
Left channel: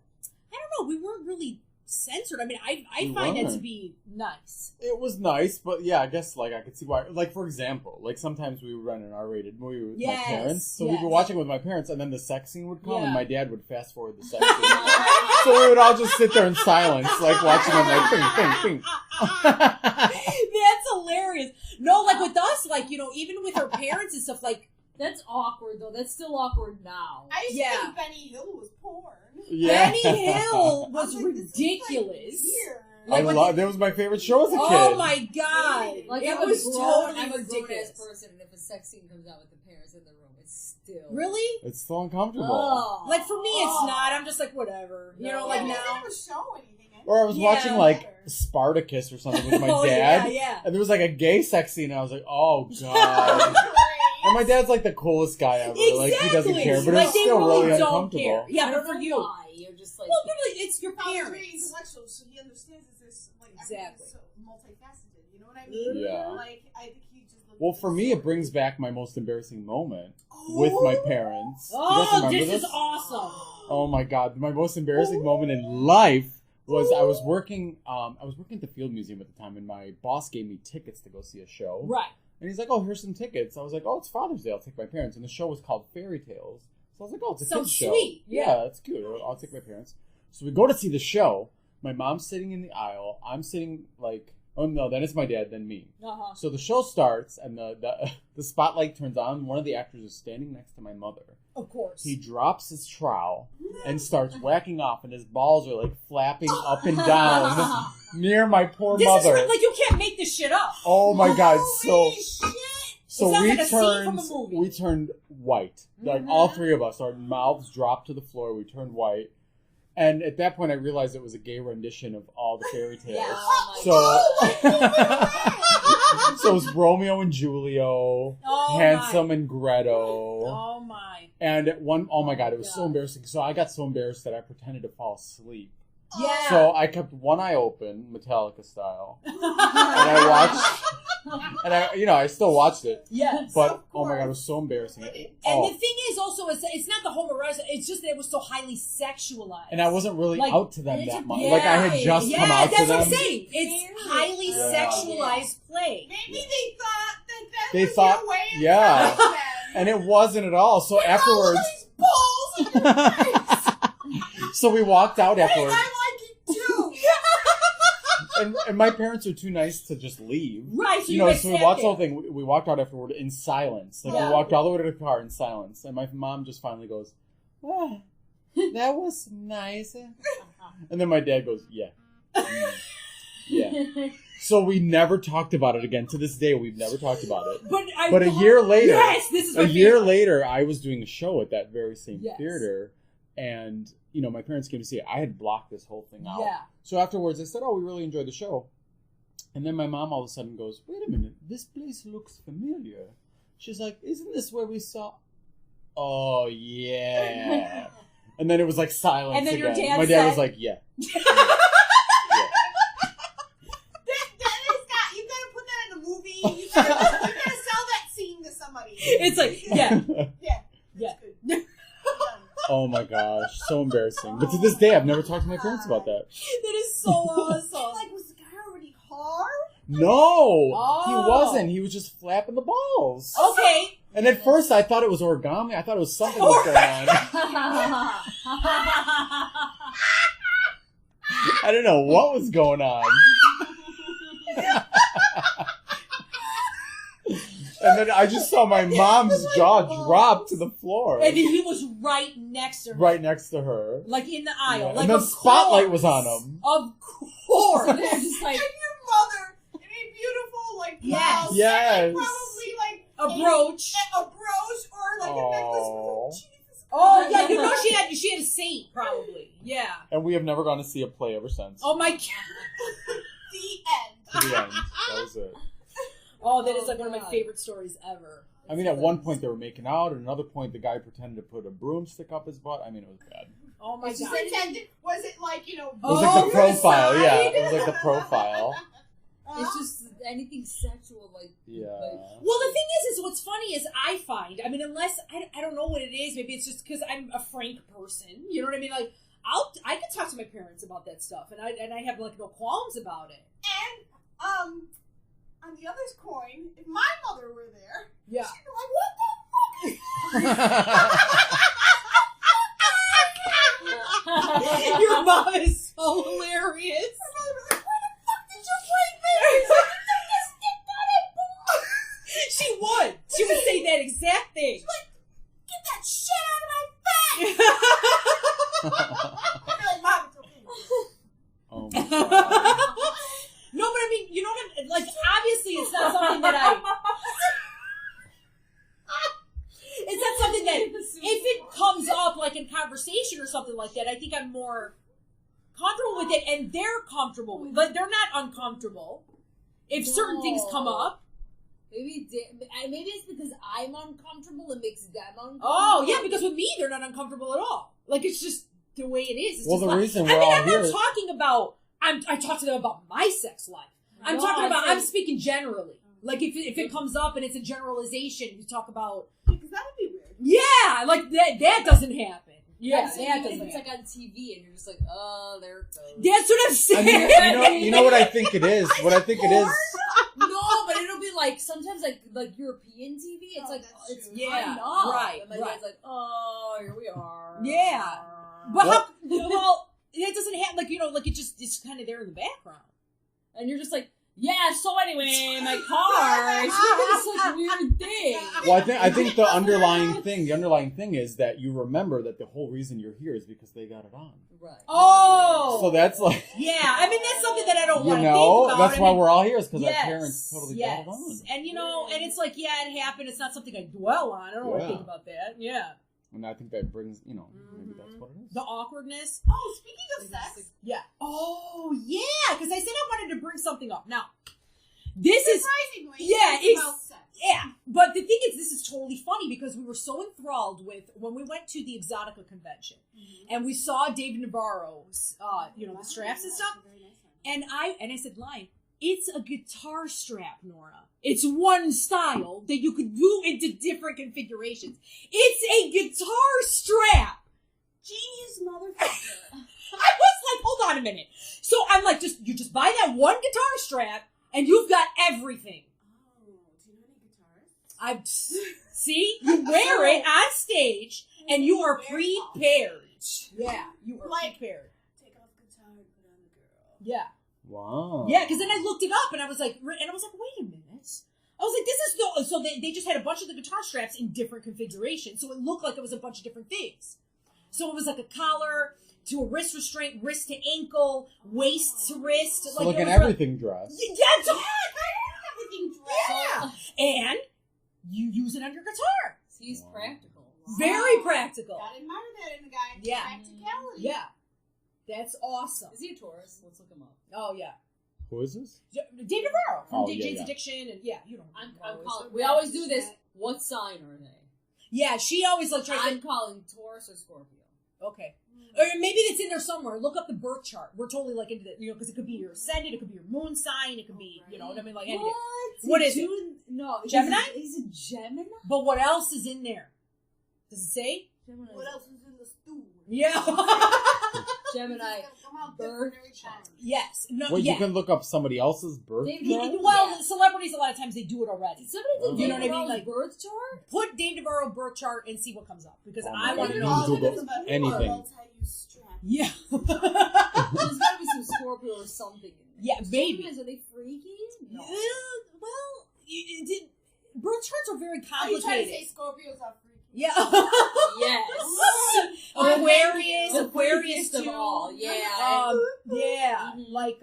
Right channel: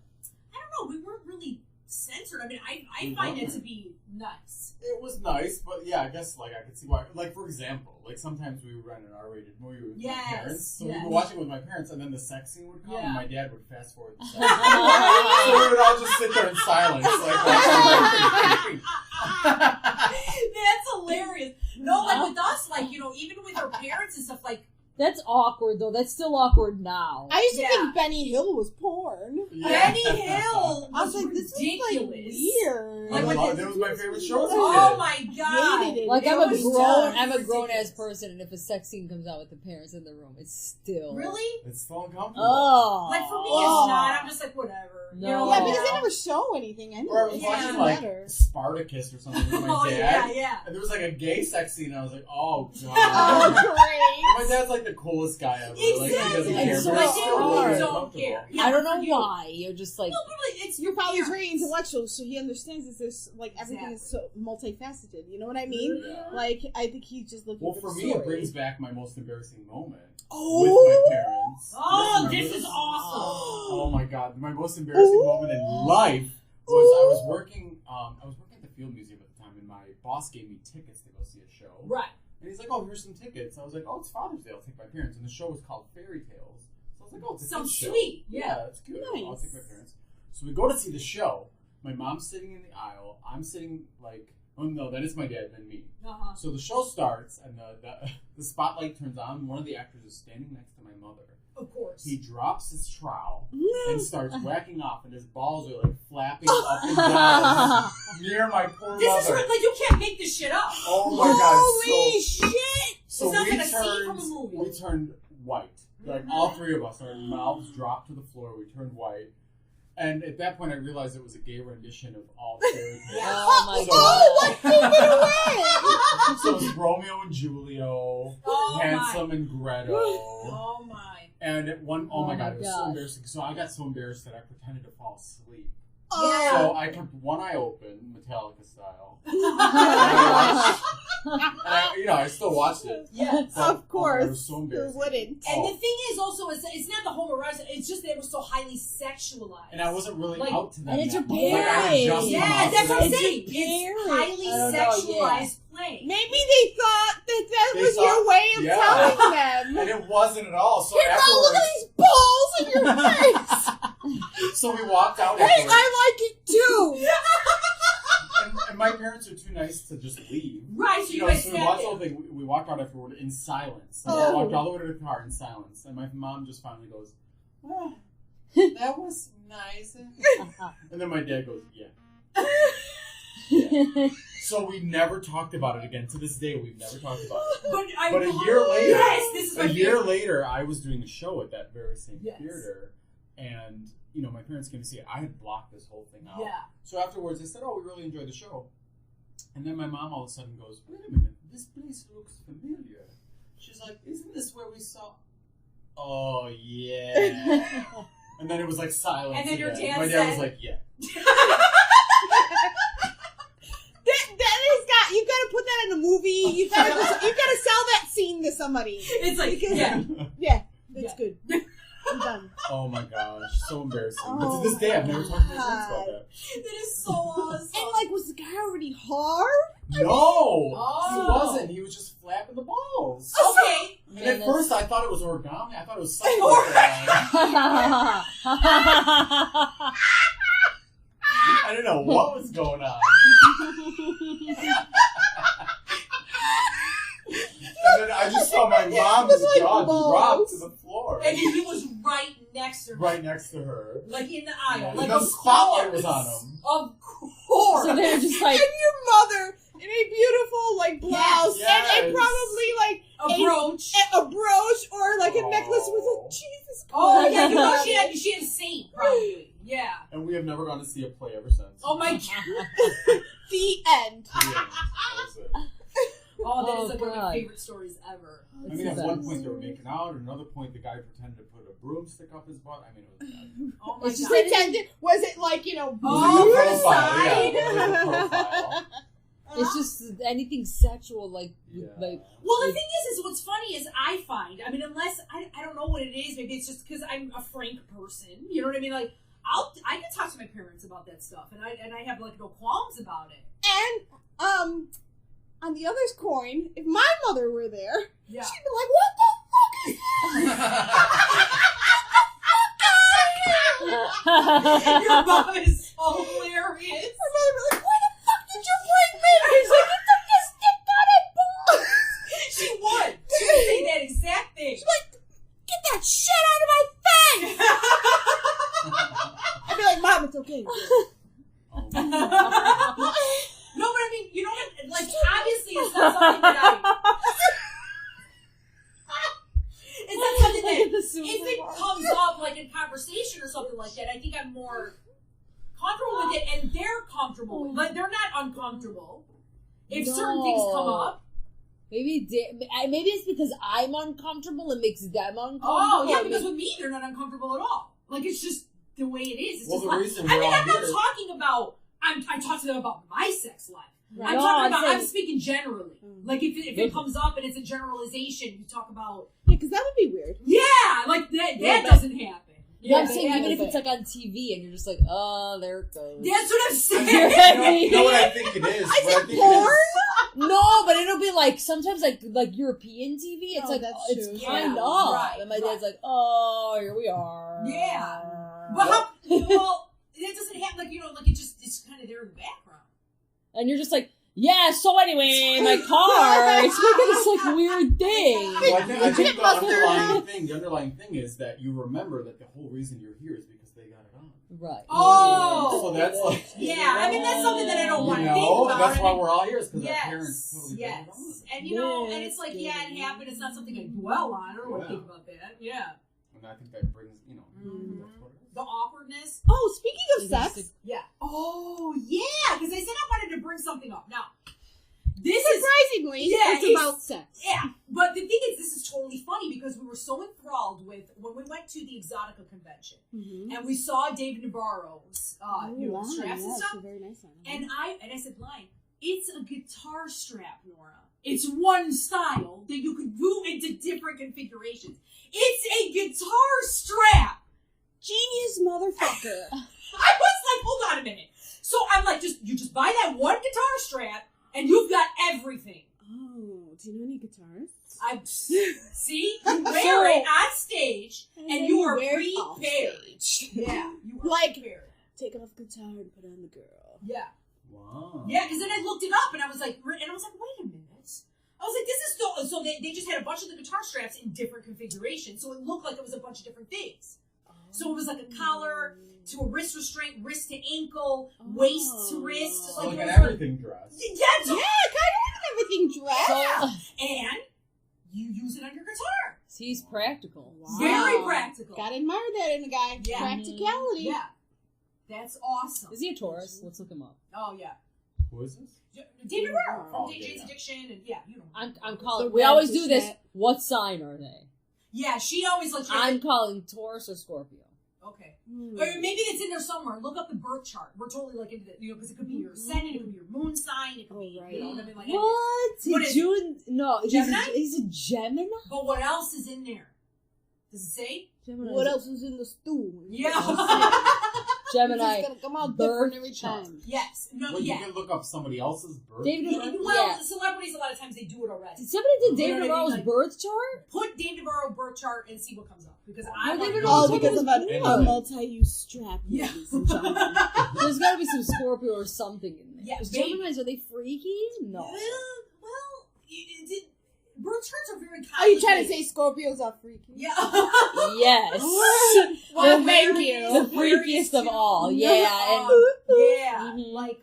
I don't know. We weren't really censored. I mean, I We find it to weren't. be nice. It was nice, but yeah, I guess, like, I could see why. Like, for example, like, sometimes we would rent an R-rated movie with Yes, my parents. So we yes. were watching with my parents, and then the sex scene would come, Yeah. and my dad would fast forward the sex scene. So we would all just sit there in silence, like, watching them, like, ping, ping, ping. That's hilarious. No, like with us, like, you know, even with our parents and stuff, like, That's awkward, though. That's still awkward now. I used to Yeah. think Benny Hill was porn. Yeah. Benny Hill I was was like, this ridiculous. is like weird. I Like, love, that was my favorite show as a kid. Oh my god! Hated it. Like, It I'm was a ridiculous. grown ass person, and if a sex scene comes out with the parents in the room, it's still Really? It's so uncomfortable. Oh, Like for me, Oh. it's not. I'm just like whatever. You know, No. like Yeah, because now. they never show anything. Anyway. Or I was Yeah. watching, like, Spartacus or something with my Oh, dad. yeah. And there was, like, a gay sex scene, and I was like, oh, God. And my dad's, like, the coolest guy ever. Like, he doesn't Exactly. care, but Like, it's they still really really don't uncomfortable. care. Yeah, I don't but know for you. why. You're just like, Well, really, it's your Your father's parents. very intellectual, so he understands that there's like everything is so Exactly. multifaceted. You know what I mean? Yeah. Like I think he's just looking. Well, for for the me, it story. brings back my most embarrassing moment Oh. with my parents. Do you guys Oh, remember this is awesome. Oh my god, my most embarrassing moment in life was I was working at the Field Museum at the time, and my boss gave me tickets to go see a show. Right. And he's like, "Oh, here's some tickets." I was like, "Oh, it's Father's Day. I'll take my parents." And the show was called Fairy Tales. It's So I was like, oh, it's a So kid's show. sweet. Yeah, that's cute. Nice. I'll take my parents. So we go to see the show. My mom's sitting in the aisle. I'm sitting oh no, then it's my dad, then me. Uh-huh. So the show starts and the spotlight turns on. One of the actors is standing next to my mother. Of course. He drops his trowel and starts whacking off, and his balls are like flapping up and down near my poor This mother. is like you can't make this shit up. Oh my god! Holy shit! So It's not we like a scene from turned a movie. we turned white. Like all three of us, our mouths dropped to the floor. We turned white, and at that point, I realized it was a gay rendition of all the fairy tales. Oh my god. So it was Romeo and Julio, Oh Hansel and Gretel. Oh my. And at oh my Oh god, my it was so gosh. embarrassing. So I got so embarrassed that I pretended to fall asleep. Yeah. So I kept one eye open, Metallica style, and I watched, and I still watched it. Yes. But Of oh my god, it course. was so embarrassing. Who wouldn't? And the thing is also, it's not the homoerotic, it's just that it was so highly sexualized. And I wasn't really Like, out to them and it's that a much. play. Like I had just Yeah, come out that's to what I'm them. saying. It's highly I don't know, sexualized play. Maybe they thought that They was thought- your way of yeah. telling them. And it wasn't at all. So Look at all of afterwards, these balls in your face. so we walked out Hey, afterwards, I like it too. and my parents are too nice to just leave. Right, so You know, guys so we sat watched the there. whole thing. We walked out afterward in silence. Like Oh. we walked all the way to the car in silence, and my mom just finally goes, "Ah, that was nice." And then my dad goes, "Yeah, yeah." So we never talked about it again. To this day, we've never talked about it. But a year later, yes, this is my A year favorite. later, I was doing a show at that very same Yes. theater, and my parents came to see it. I had blocked this whole thing out. Yeah. So afterwards, I said, "Oh, we really enjoyed the show." And then my mom all of a sudden goes, "Wait a minute, this place looks familiar." She's like, "Isn't this where we saw?" Oh yeah. And then it was like silence And then your again. dad My dad said- was like, "Yeah." That is got. You gotta put that in a movie. You gotta sell that scene to somebody. It's like, yeah. Yeah, that's Yeah. good. I'm done. Oh my gosh, so embarrassing. But to this day, I've never talked to my parents about that. That is so awesome. And like, was the guy already hard? No, Oh. he wasn't. He was just flapping the balls. Okay. And at first, I thought it was origami. I thought it was something was going on. I don't know what was going on. And then I just saw my mom's like jaw balls. drop to the floor. And he was right next to her. Right next to her. Like in the aisle. Yeah. Like, And the of spotlight course. was on him. Of course. So they're just like, And your mother in a beautiful like blouse Yes. and probably like A brooch. a brooch or like a necklace with Aw. a Jesus Christ. Oh, yeah. You know she had a saint, probably. Yeah. And we have never gone to see a play ever since. Oh, my God. The end. To the end. That was it. Oh, that is Oh, like one of my God. favorite stories ever. I mean, at one point they were making out. At another point, the guy pretended to put a broomstick up his butt. I mean, it was bad. Oh, my It's God. pretended. Was it like It was Oh, like the your profile. Yeah, side. it was like the profile. it's just anything sexual, like, Yeah. like Well, the thing is what's funny is I find, I mean, unless, I don't know what it is, maybe it's just because I'm a frank person, you know what I mean? Like, I can talk to my parents about that stuff, and I have, like, no qualms about it. And on the other's coin, if my mother were there, Yeah. she'd be like, "What the fuck is Your mom is so hilarious. My mother was like, "Where the fuck did you bring me?" He's like, "You took this dick on it, balls." She would. She would say that exact thing. She's like, "Get that shit out of my face." I'd be like, "Mom, it's okay." Oh my God. No, but I mean, you know what? Like, obviously, it's not something that it's not something that, if it comes up, like, in conversation or something like that, I think I'm more comfortable with it, and they're comfortable with it. Like, they're not uncomfortable if certain things come up. maybe it's because I'm uncomfortable. It makes them uncomfortable. Oh, yeah, because with me, they're not uncomfortable at all. Like, it's just the way it is. It's Well, just the fun. reason I we're mean, all I'm not here- talking about, I talk to them about my sex life. I'm No, talking I'm about, saying- I'm speaking generally. Like, if it comes up and it's a generalization, you talk about, Because that would be weird. yeah, like, that Yeah, doesn't happen. Yeah, I'm that saying even if doesn't. it's like on TV and you're just like, oh, there it goes. That's what I'm I saying. mean, you know what I think it is? What I think it is. No, but it'll be like sometimes like European TV. It's Oh, like that's it's true. kind Yeah, of. right, And my right. dad's like, oh, here we are. Yeah. But how, well, it doesn't have like like it's kind of there in the background. And you're just like, yeah. So anyway, my car. It's making this like weird thing. Well, I think the underlying thing is that you remember that the whole reason you're here is because they got it on. Right. Oh. So that's like, Yeah, I mean that's something that I don't you want to know, think about. that's I why mean, we're all here is because yes, our parents totally got it on. And and it's like, yeah, it happened. It's not something I dwell on. I don't want to Yeah. think about that. Yeah. And I think that brings, maybe that's what it is. The awkwardness. Oh, speaking of sex, Yeah. Oh, yeah. Because I said I wanted to bring something up. Now, this is surprisingly, Yeah, it's about sex. yeah. But the thing is, this is totally funny because we were so enthralled with when we went to the Exotica convention and we saw Dave Navarro's, straps and stuff. Very nice one. And I said, "Line, it's a guitar strap, Nora. It's one style that you could do into different configurations. It's a guitar strap." Genius motherfucker. I was like, hold on a minute. So I'm like, you just buy that one guitar strap and you've got everything. Oh, do you know any guitarists? I see you wear it on stage and you are prepared. Yeah, you are Like- prepared. Take off guitar and put on the girl. Yeah. Wow. Yeah, because then I looked it up and I was like, wait a minute. I was like, this is so they just had a bunch of the guitar straps in different configurations, so it looked like it was a bunch of different things. So it was like a collar to a wrist restraint, wrist to ankle, waist to wrist. So like it an was everything dress. Yeah, Kind of everything dressed. and you use it on your guitar. He's practical. Wow. Very practical. Gotta admire that in a guy. Yeah. Practicality. Yeah, that's awesome. Is he a Taurus? Let's look him up. Oh yeah, Who is this? David Navarro from Oh, DJ's yeah. Addiction, and you know. I'm calling. The We always red do this. t-shirt. What sign are they? Yeah, she always like. I'm calling Taurus or Scorpio. Okay. Or maybe it's in there somewhere. Look up the birth chart. We're totally like into it, because it could be your ascendant, it could be your moon sign, it could be, you know what I mean? Like, anything. What is it? June? No, Gemini? He's a Gemini. But what else is in there? Does it say? Gemini. What else is in the stew? Yeah. Gemini. It's gonna come out birth different every chart. time. Yes. No. Well, yeah. you can look up somebody else's birth David chart. Navarro? Well, Yeah. celebrities a lot of times they do it already. Somebody did You David know what I mean? Navarro's Like- birth chart. Put Dave Navarro birth chart and see what comes up because Oh, I my want to God. know. All Look because at of a anything. multi-use strap. Yeah. ladies and gentlemen. There's got to be some Scorpio or something in there. Yeah, 'Cause maybe. Geminis, are they freaky? No. Well, birth charts are very Are complicated. you trying to say Scorpios are freaky? Yeah. Yes. Well, The Aquarius, the Aquarius freakiest of too. all. Yeah. Yeah, Mhm. like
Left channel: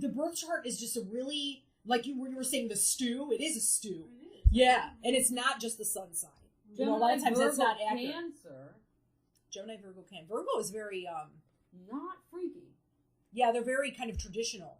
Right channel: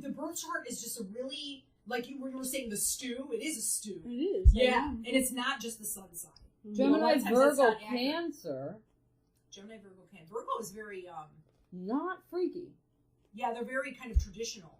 the birth chart is just a really like you were saying the stew. It is a stew. It is. Yeah, and it's not just the sun sign. Gemini, A lot of times that's Virgo, not accurate. Cancer. Gemini, Virgo, Can. Virgo is very Not freaky. yeah, they're very kind of traditional.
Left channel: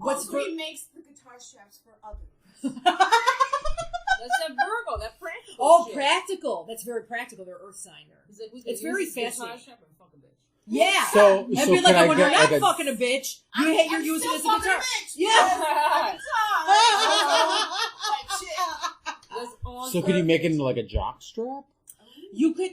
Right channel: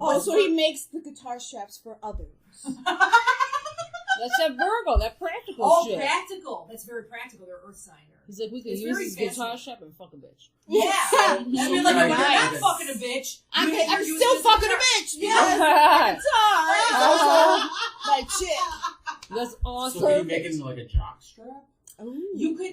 Oh, so he makes the guitar straps for others. That's that Virgo, that practical Oh, shit. practical. That's very practical. They're earth sign. He's like, we can It's use very this guitar fascinating. strap and fuck a bitch. Yeah. So And be like, can I when get I'm like not a fucking a bitch, I'm you're using still this fucking a guitar. bitch. Yeah. Guitar. Like shit. That's awesome. So can you make it into like a jock strap? You could.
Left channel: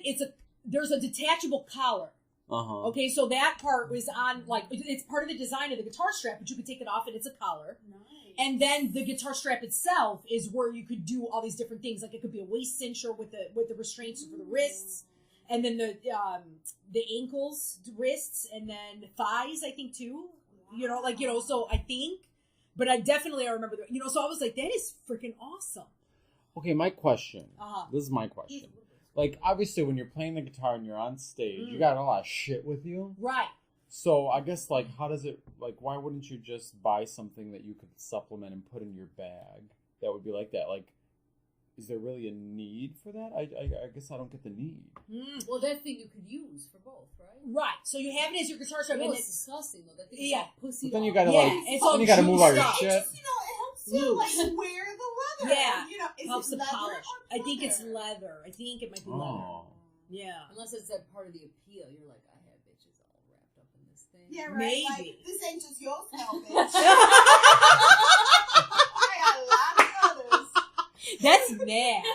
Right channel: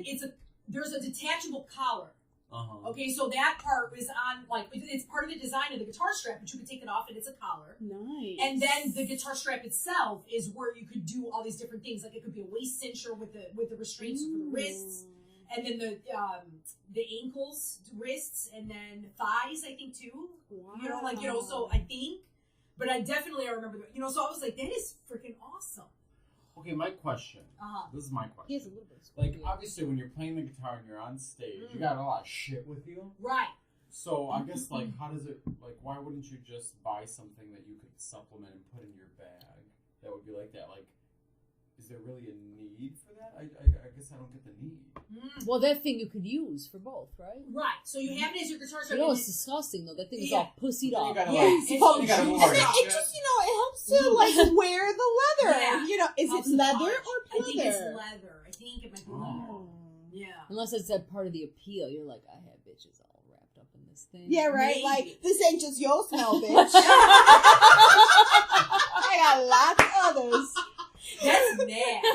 There's a detachable collar. Uh-huh. Okay, so that part was on it's part of the design of the guitar strap, but you could take it off and it's a collar. Nice. And then the guitar strap itself is where you could do all these different things. Like it could be a waist cincher with the restraints for the wrists, and then the ankles, wrists, and then thighs. I think too. Wow. So I think, but I remember So I was like, that is freaking awesome. Okay, my question. Uh-huh. This is my He has a question. little bit of Like, obviously, when you're playing the guitar and you're on stage, Mm. you got a lot of shit with you. Right. So I guess, like, how does it, like, why wouldn't you just buy something that you could supplement and put in your bag that would be like that? Like, is there really a need for that? I guess I don't get the need. Well, that thing you could use for both, right? Right. So you have it as your guitar strap. You know, and it's disgusting, though. That thing is Yeah. all pussied But then you up. gotta, Yeah, like, it's then you gotta move all your It shit. just, it helps to like wear the leather. Yeah. Is helps it to leather polish. or I think it's pleather? leather. I think it might be leather. Oh. Yeah. Unless it's that part of the appeal. You're like, I have bitches all wrapped up in this thing. Yeah, right. Maybe. Like this ain't just your smell, bitch. I got lots of others. That's nasty.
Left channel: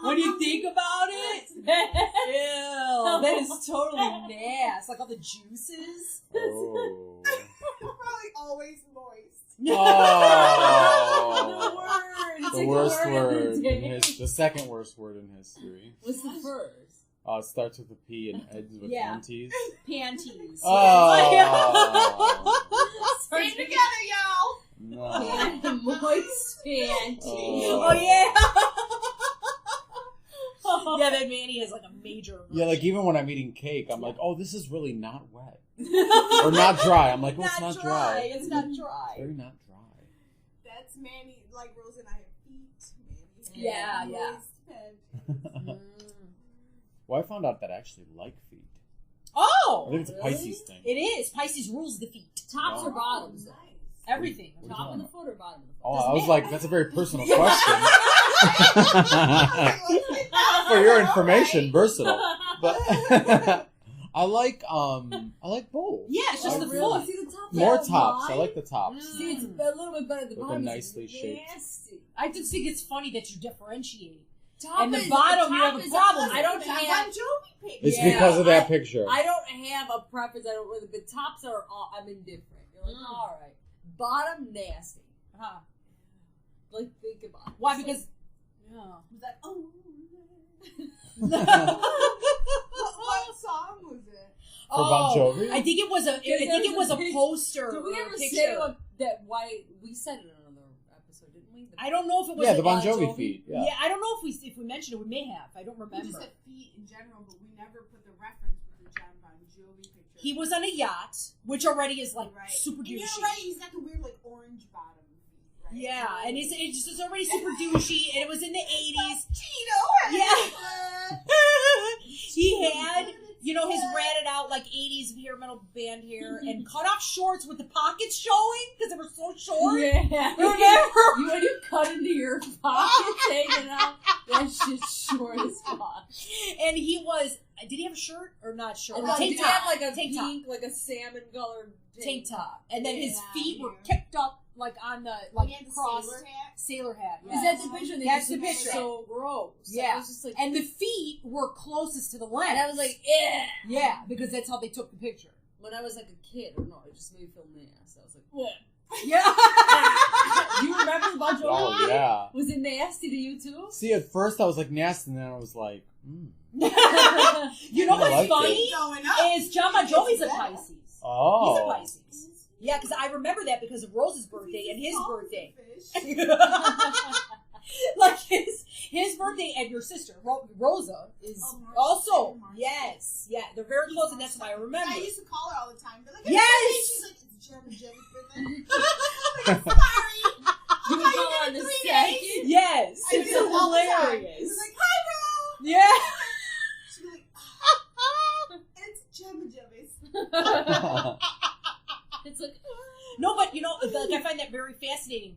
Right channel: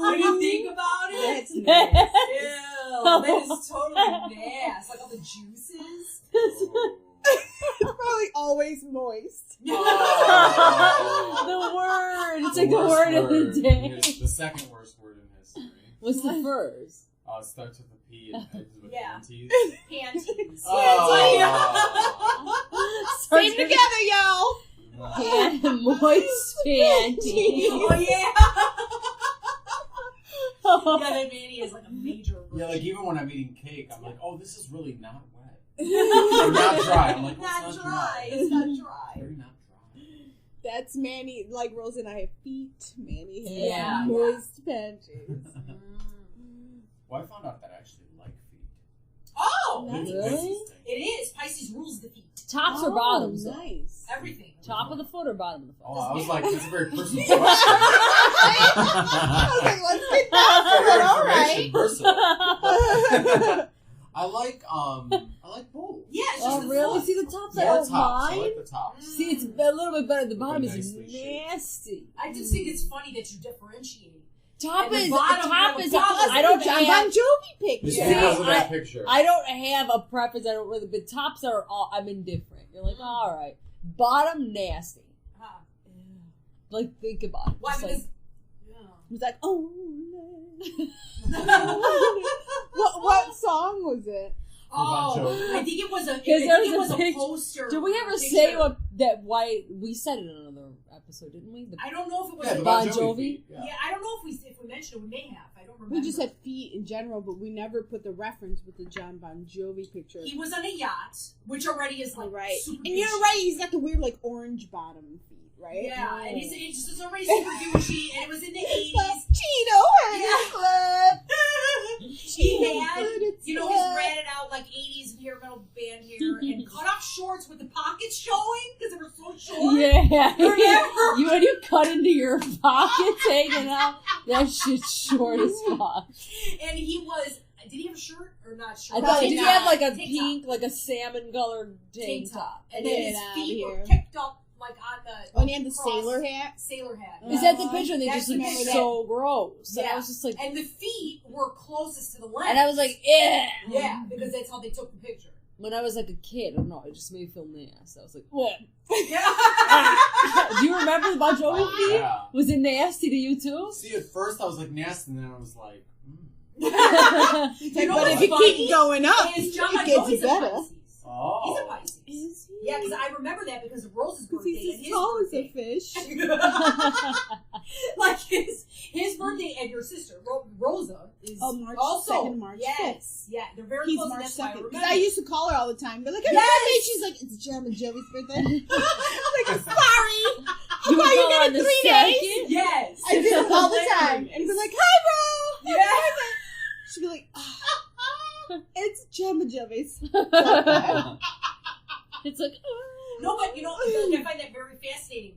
When you think about it, That's nasty. ew, that is totally nasty. Like all the juices. Oh. It's probably always moist. Oh. The word. It's The like the worst word of word the in day. the second worst word in history. What's the first? It starts with a P and ends with Yeah. panties. Panties. Oh. Stay together, y'all. No. Moist panties. Oh yeah. Yeah, that Manny is like a major. Yeah, like even when I'm eating cake, I'm like, oh, this is really not wet. Or not dry. I'm like, oh, it's not dry. It's not dry. Very not dry. That's Manny. Like Rosa and I have feet. Manny has Yeah, moist panties. Well, I found out that I actually like feet. Oh, I think it's a Really? Pisces thing. it is. Pisces rules the feet. Tops or bottoms? though? Nice. Everything. Top of the foot or bottom of the foot? Oh, I was like, that's a very personal question. For your information, versatile. But I like both. Yeah, it's just Oh, the really? foot. See the tops? More are tops. I mine? like the tops. See, it's a little bit better. The With a bottom is nicely shaped. nasty. I just think it's funny that you differentiate. Top And the is bottom, top you have is. a problem. I don't John have. Bon Jovi picture. It's Yeah. because of that picture. I don't have a preference. I don't really. But tops are all. I'm indifferent. You're like, all right. Bottom nasty. Huh. Like think about it. Why? It's Because. He's like, oh. No. what song was it? For Bon Jovi? I think it was a. I Because think it there's was a a picture- poster. Did we or a ever picture. say what that? Why we said it in another episode, didn't we? I don't know if it was. Yeah, a the Bon Bon Jovi Jovi? feet. Yeah. Yeah. I don't know if we mentioned it. We may have. I don't remember. We just had feet in general, but we never put the reference with the John Bon Jovi picture. He was on a yacht, which already is like right. super. And you're douchey. right. He's got the weird like orange bottom feet, right? Yeah, and it's just already super douchey, and it was in the 80s. Cheeto Yeah. He Cheeto had, good, it's you know, his good. ratted out like 80s hair metal band hair and cut off shorts with the pockets showing because they were so short. Yeah. Remember? You when you cut into your pockets hanging out, that shit's short as fuck. And he was. Did he have a shirt or not shirt? I thought Tank did he top. have like a Tank pink, like a salmon colored tank top, and then Get his outta feet were here. kicked up like on the. When he had the cross- sailor hat. Sailor hat. Is that the picture? And they That's just the look picture. so gross. And Yeah. I was just like, And the feet were closest to the lens. and I was like, eh. yeah, because that's how they took the picture. When I was like a kid, I don't know, it just made me feel nasty. I was like, what? Yeah. Do you remember the Bon Jovi? Oh, yeah. Was it nasty to you too? See, at first I was like nasty, and then I was like, You know I what's like funny? Going up. Is John It Bon gets Jovi's a better. Pisces. oh. He's a Pisces. Is he? Yeah, because I remember that because of Rosa's birthday and his tall as birthday. a fish. Like his birthday and your sister Rosa is Oh, March also 2nd, March yes, yeah, they're very He's close, March and that's why I 2nd. remember. I used to call her all the time. Be like, Yes! yes! She's like, it's John Bon Jovi's birthday. I'm like, sorry. You Why would you call her get on the 3 second? days? Yes, I do it all the time. Hilarious. And be like, hi, bro. yeah. She'd be like, it's John Bon Jovi's. It's like, No, but you know, like, I find that very fascinating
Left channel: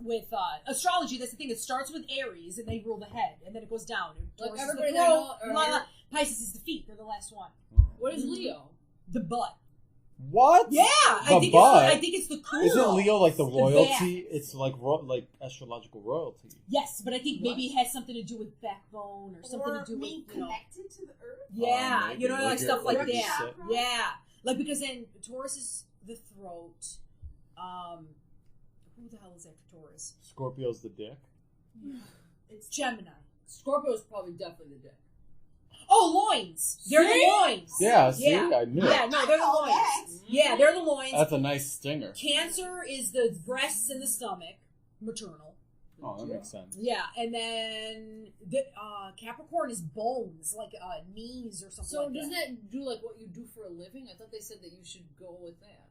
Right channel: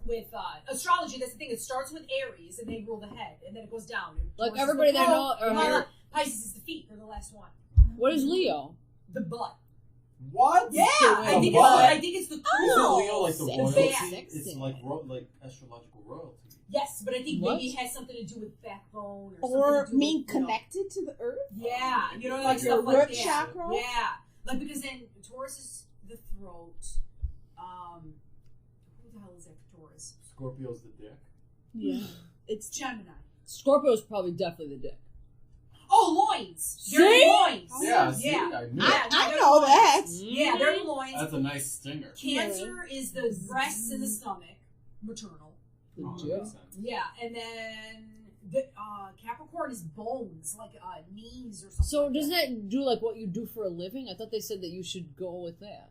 with astrology. That's the thing. It starts with Aries, and they rule the head, and then it goes down. like Taurus is everybody the that throat, know, or Pisces is the feet. They're the last one. what is Leo? The butt. What? Yeah, The butt? I think it's the Isn't cool. Leo like the It's royalty? bad. It's like like astrological royalty. Yes, but I think What? maybe it has something to do with backbone or Or something to do being with, you know, connected to the earth. Yeah, maybe. you know, like Like stuff your like root that. chakra? Yeah, like because then Taurus is the throat. Who the hell is after Taurus? Scorpio's the dick. Yeah. It's Gemini. Scorpio's probably definitely the dick. Oh, loins. They're the See? loins. Yeah, see, Yeah. I knew Yeah, it. no, I they're the know loins. that. Yeah, they're the loins. That's a nice stinger. Cancer is the breasts and the stomach, maternal. Oh, that makes sense. Yeah, and then the Capricorn is bones, like knees or something. So like doesn't that? that do like what you do for a living? I thought they said that you should go with that.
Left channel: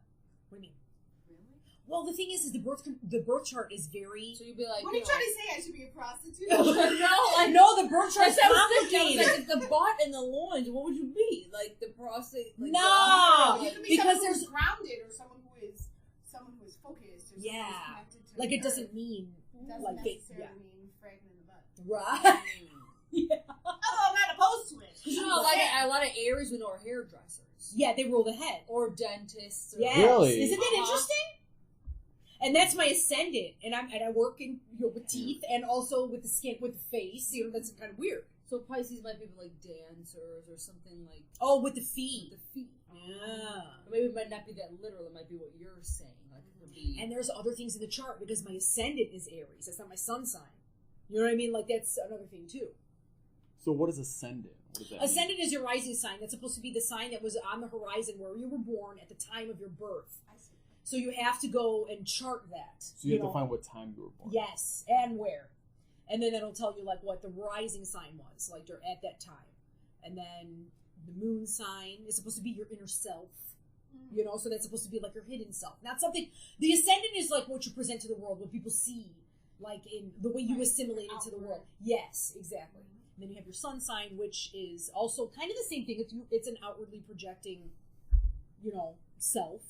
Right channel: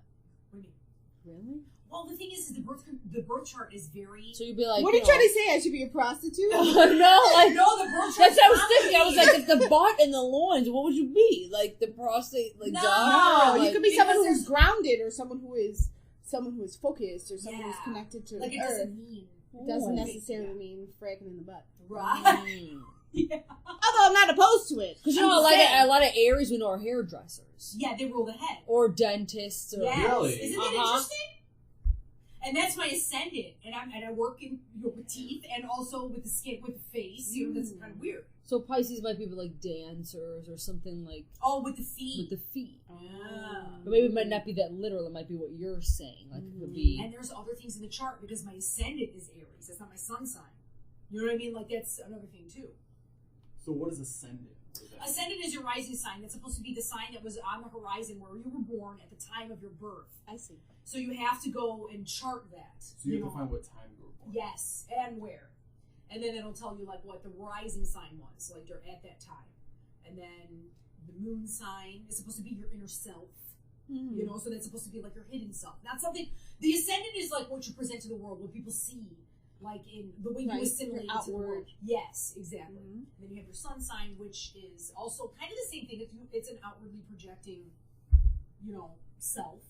What do you mean? Really? Well, the thing is the birth chart is very. So you'd be like, What are you know, trying to say? I should be a prostitute? no, like No, the birth chart. that's what I was thinking. I was like, if the butt and the loins, what would you be? Like the prostate, like No, No, like, you could be because someone who's there's- grounded, or someone who is focused, or someone who's Yeah. connected to like the it earth. doesn't mean It doesn't Yeah. necessarily mean fragging in the butt. right. Mm. Yeah. Although I'm not opposed to it. Because you know, a lot of Aries we know are hairdressers Yeah, they rule the head. or dentists. Or, Yes. Really? Isn't that Uh-huh. interesting? And that's my ascendant, and I work in with teeth and also with the skin, with the face. You know, that's kind of weird. So Pisces might be like dancers or something like. Oh, with the feet. With the feet. Yeah. But maybe it might not be that literal. It might be what you're saying. Like it could be. And there's other things in the chart because my ascendant is Aries. That's not my sun sign. You know what I mean? Like that's another thing too. So what is ascendant? What does that mean? Ascendant is your rising sign. That's supposed to be the sign that was on the horizon where you were born at the time of your birth. I see. So you have to go and chart that. So you have to find what time you were born. Yes, and where. And then it'll tell you like what the rising sign was, like you're at that time. And then the moon sign is supposed to be your inner self. You know, so that's supposed to be like your hidden self. Not something. The ascendant is like what you present to the world, what people see, like in the way you assimilate into the world. Yes, exactly. And then you have your sun sign, which is also kind of the same thing. It's an outwardly projecting, you know, self.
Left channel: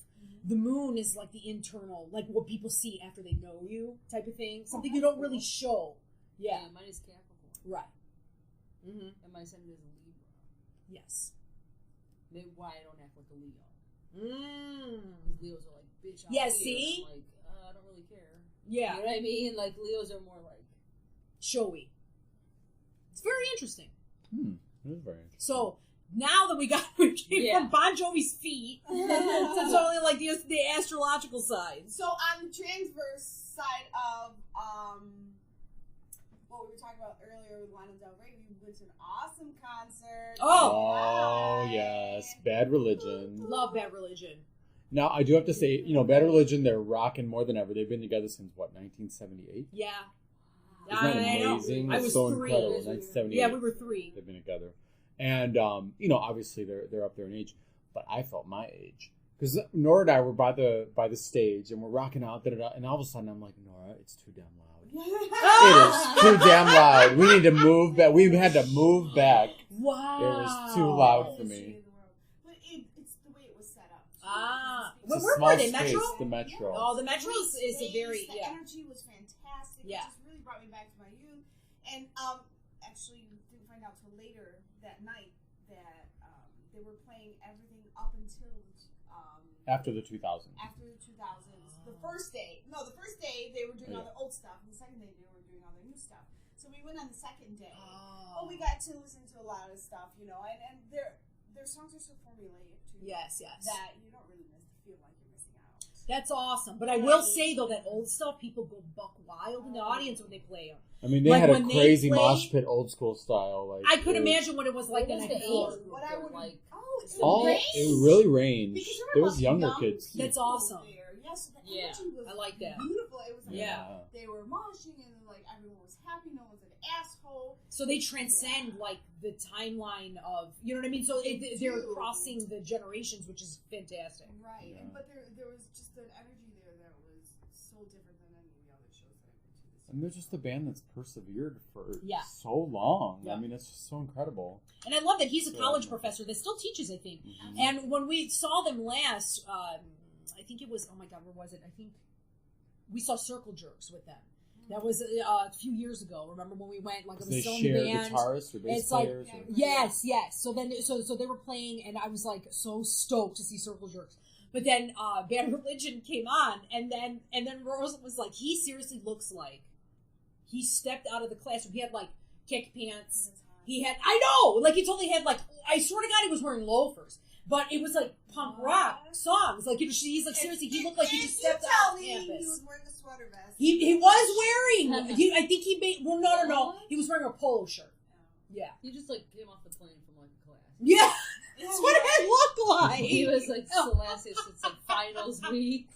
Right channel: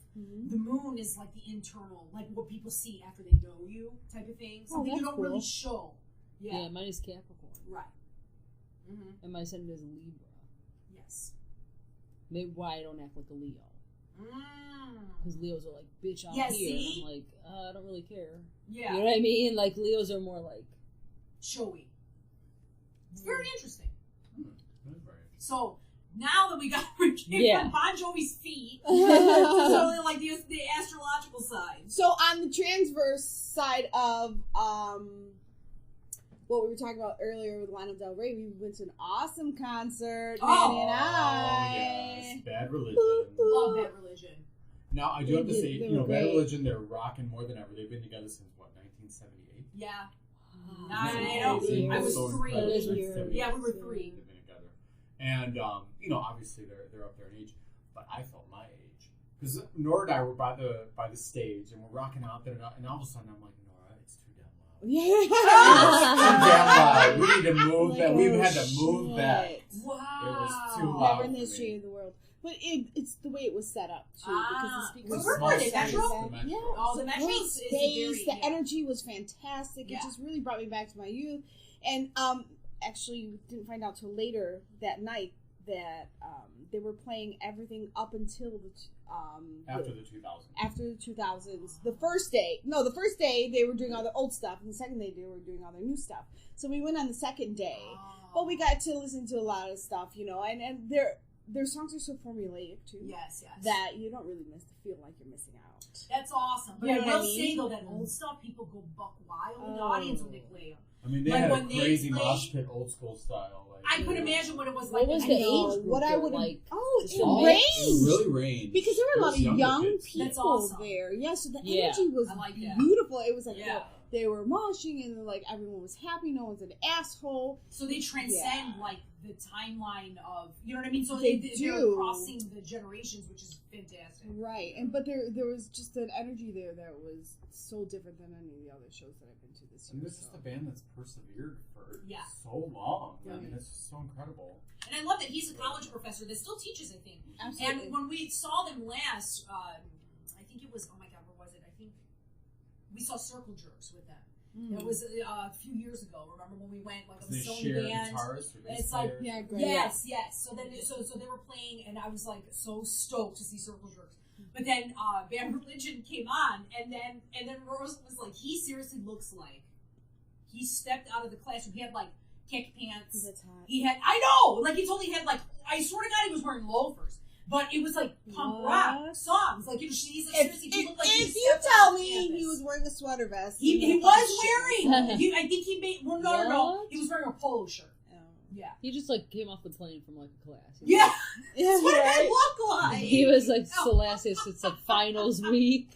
The moon is like the internal, like what people see after they know you, type of thing. Something you don't really show. Yeah, mine is Capricorn. Right. And my ascendant is Libra. Yes. Maybe why I don't act like a Leo. Mm. Because Leos are like, bitch, I'm Yeah, here. see? I'm like, I don't really care. Yeah. You know what I mean? Like, Leos are more like... showy. It's very interesting. That is very interesting. So, now that we came from Bon Jovi's feet, to totally like the astrological side. So on the transverse side of what we were talking about earlier with Lana Del Rey, we went to an awesome concert. Oh, yes. Bad Religion. Love Bad Religion. Now, I do have to say, you know, Bad Religion, they're rocking more than ever. They've been together since, what, 1978? Yeah. Isn't that amazing? I It's was so 3. incredible. 1978. Yeah, we were 3. They've been together. And, you know, obviously they're up there in age, but I felt my age. Because Nora and I were by the stage, and we're rocking out, and all of a sudden I'm like, Nora, it's too damn loud. It is too damn loud. We need to move back. We had to move back. Wow. It was too loud for history me. of the world. But it's the way it was set up, too. It's Where a were small they? space, Metro? the Metro. Yeah. Oh, the Metro is Space, very... the energy was fantastic. It just really brought me back to my youth. And actually, didn't find out till later that night that they were playing everything up until after the 2000s. After the 2000s. The first day they were doing all their old stuff, and the second day they were doing all their new stuff. So we went on the second day, but we got to listen to a lot of stuff, you know, and their songs are so formulaic too. Yes. That you don't really feel like you're missing out. That's awesome. But You I know will what I mean? say, though, that old stuff, people go buck wild in the audience when they play them. I mean, they Like, had a when they crazy play- mosh pit, old school style. Like I could imagine what it was like. What was in the high age school. group? What I would like? it rained. It really rained. Because there It were a lot was of younger young kids. people That's awesome. there. Yeah, so the Yeah, energy was I like that. beautiful. It was like Yeah. they were moshing and like everyone was happy. No one's an asshole. So they transcend like the timeline of, you know what I mean? So They they're do. crossing the generations, which is fantastic. Right, and but there was just an energy there that was so different than any of the other shows that I've been to this year. And they're just a band that's persevered for Yeah. so long. Yeah. I mean, it's just so incredible. And I love that he's a college professor that still teaches, I think. And when we saw them last, I think it was, oh my God, where was it? I think we saw Circle Jerks with them. That was a few years ago. Remember when we went? Like it was They still in share the band. guitarists or bass It's like players. yes. So then so they were playing, and I was like so stoked to see Circle Jerks. But then Bad Religion came on, and then Rosa was like, he seriously looks like he stepped out of the classroom. He had like kick pants. He had, I know, like he totally had like, I swear to God, he was wearing loafers. But it was like punk rock songs. Like he's like seriously, he looked like he If you stepped tell out me campus. he was wearing a sweater vest, He was wearing. I think he made. Well, no. He was wearing a polo shirt. Yeah. He just like came off the plane from like a class. Yeah. That's what it looked like. He was like Celestis. It's like finals week,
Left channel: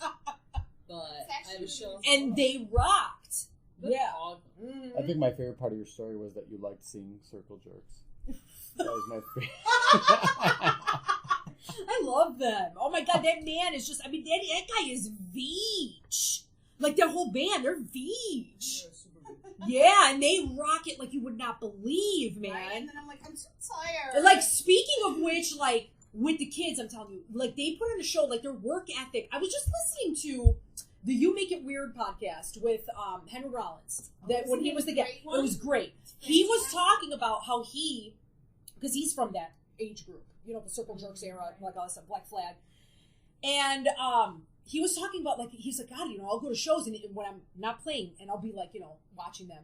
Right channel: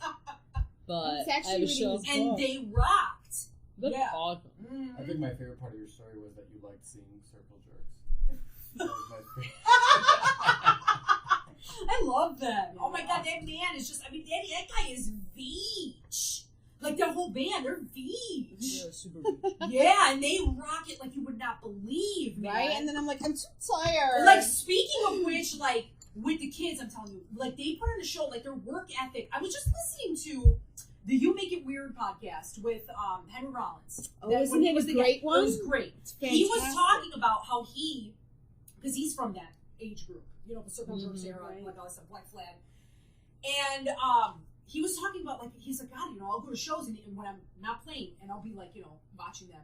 but I have a show. And they rocked. That's Yeah. awesome. I think my favorite part of your story was that you liked seeing Circle Jerks. That was my favorite. I love them. Oh my God, that man is just, I mean, that guy is Veach. Like, their whole band, they're Veach. You're super good. Yeah, and they rock it like you would not believe, man. right? And then I'm like, I'm too tired. Like, speaking of which, like, with the kids, I'm telling you, like, they put on a show, like, their work ethic. I was just listening to the You Make It Weird podcast with Henry Rollins. Oh, isn't it a great one? It was great. He was talking about how because he's from that age group, you know, the Circle Jerks era, right. like all this stuff, Black Flag. And he was talking about, like, he's like, God, you know, I'll go to shows and when I'm not playing, and I'll be, like, you know, watching them.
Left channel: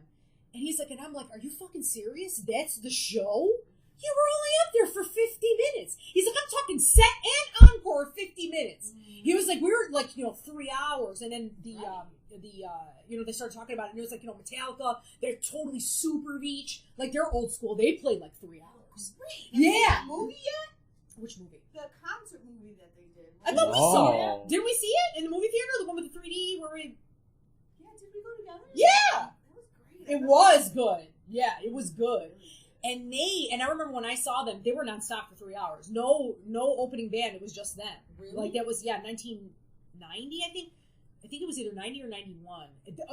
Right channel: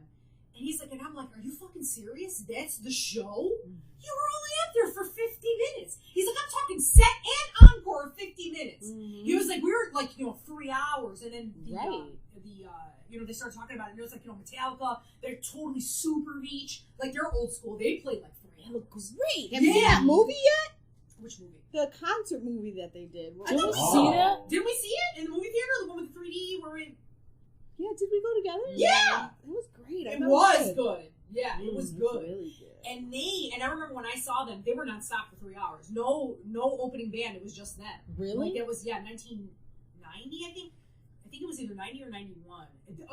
And he's like, and I'm like, are you fucking serious? That's the show? You were only up there for 50 minutes. He's like, I'm talking set and encore 50 minutes. Mm-hmm. He was like, we were like, 3 hours. And then they started talking about it. And it was like, Metallica, they're totally super beach. Like, they're old school. They played like 3 hours. Great. Have you seen that movie yet? Which movie? The concert movie that they did. I thought we saw it. Didn't we see it in the movie theater? The one with the 3D where we... Yeah, did we go together? Yeah! It was great. It was good. Yeah, it was good. Really good. And I remember when I saw them, they were nonstop for 3 hours. No opening band. It was just them. Really? Like that was 1990. I think it was either 90 or 91.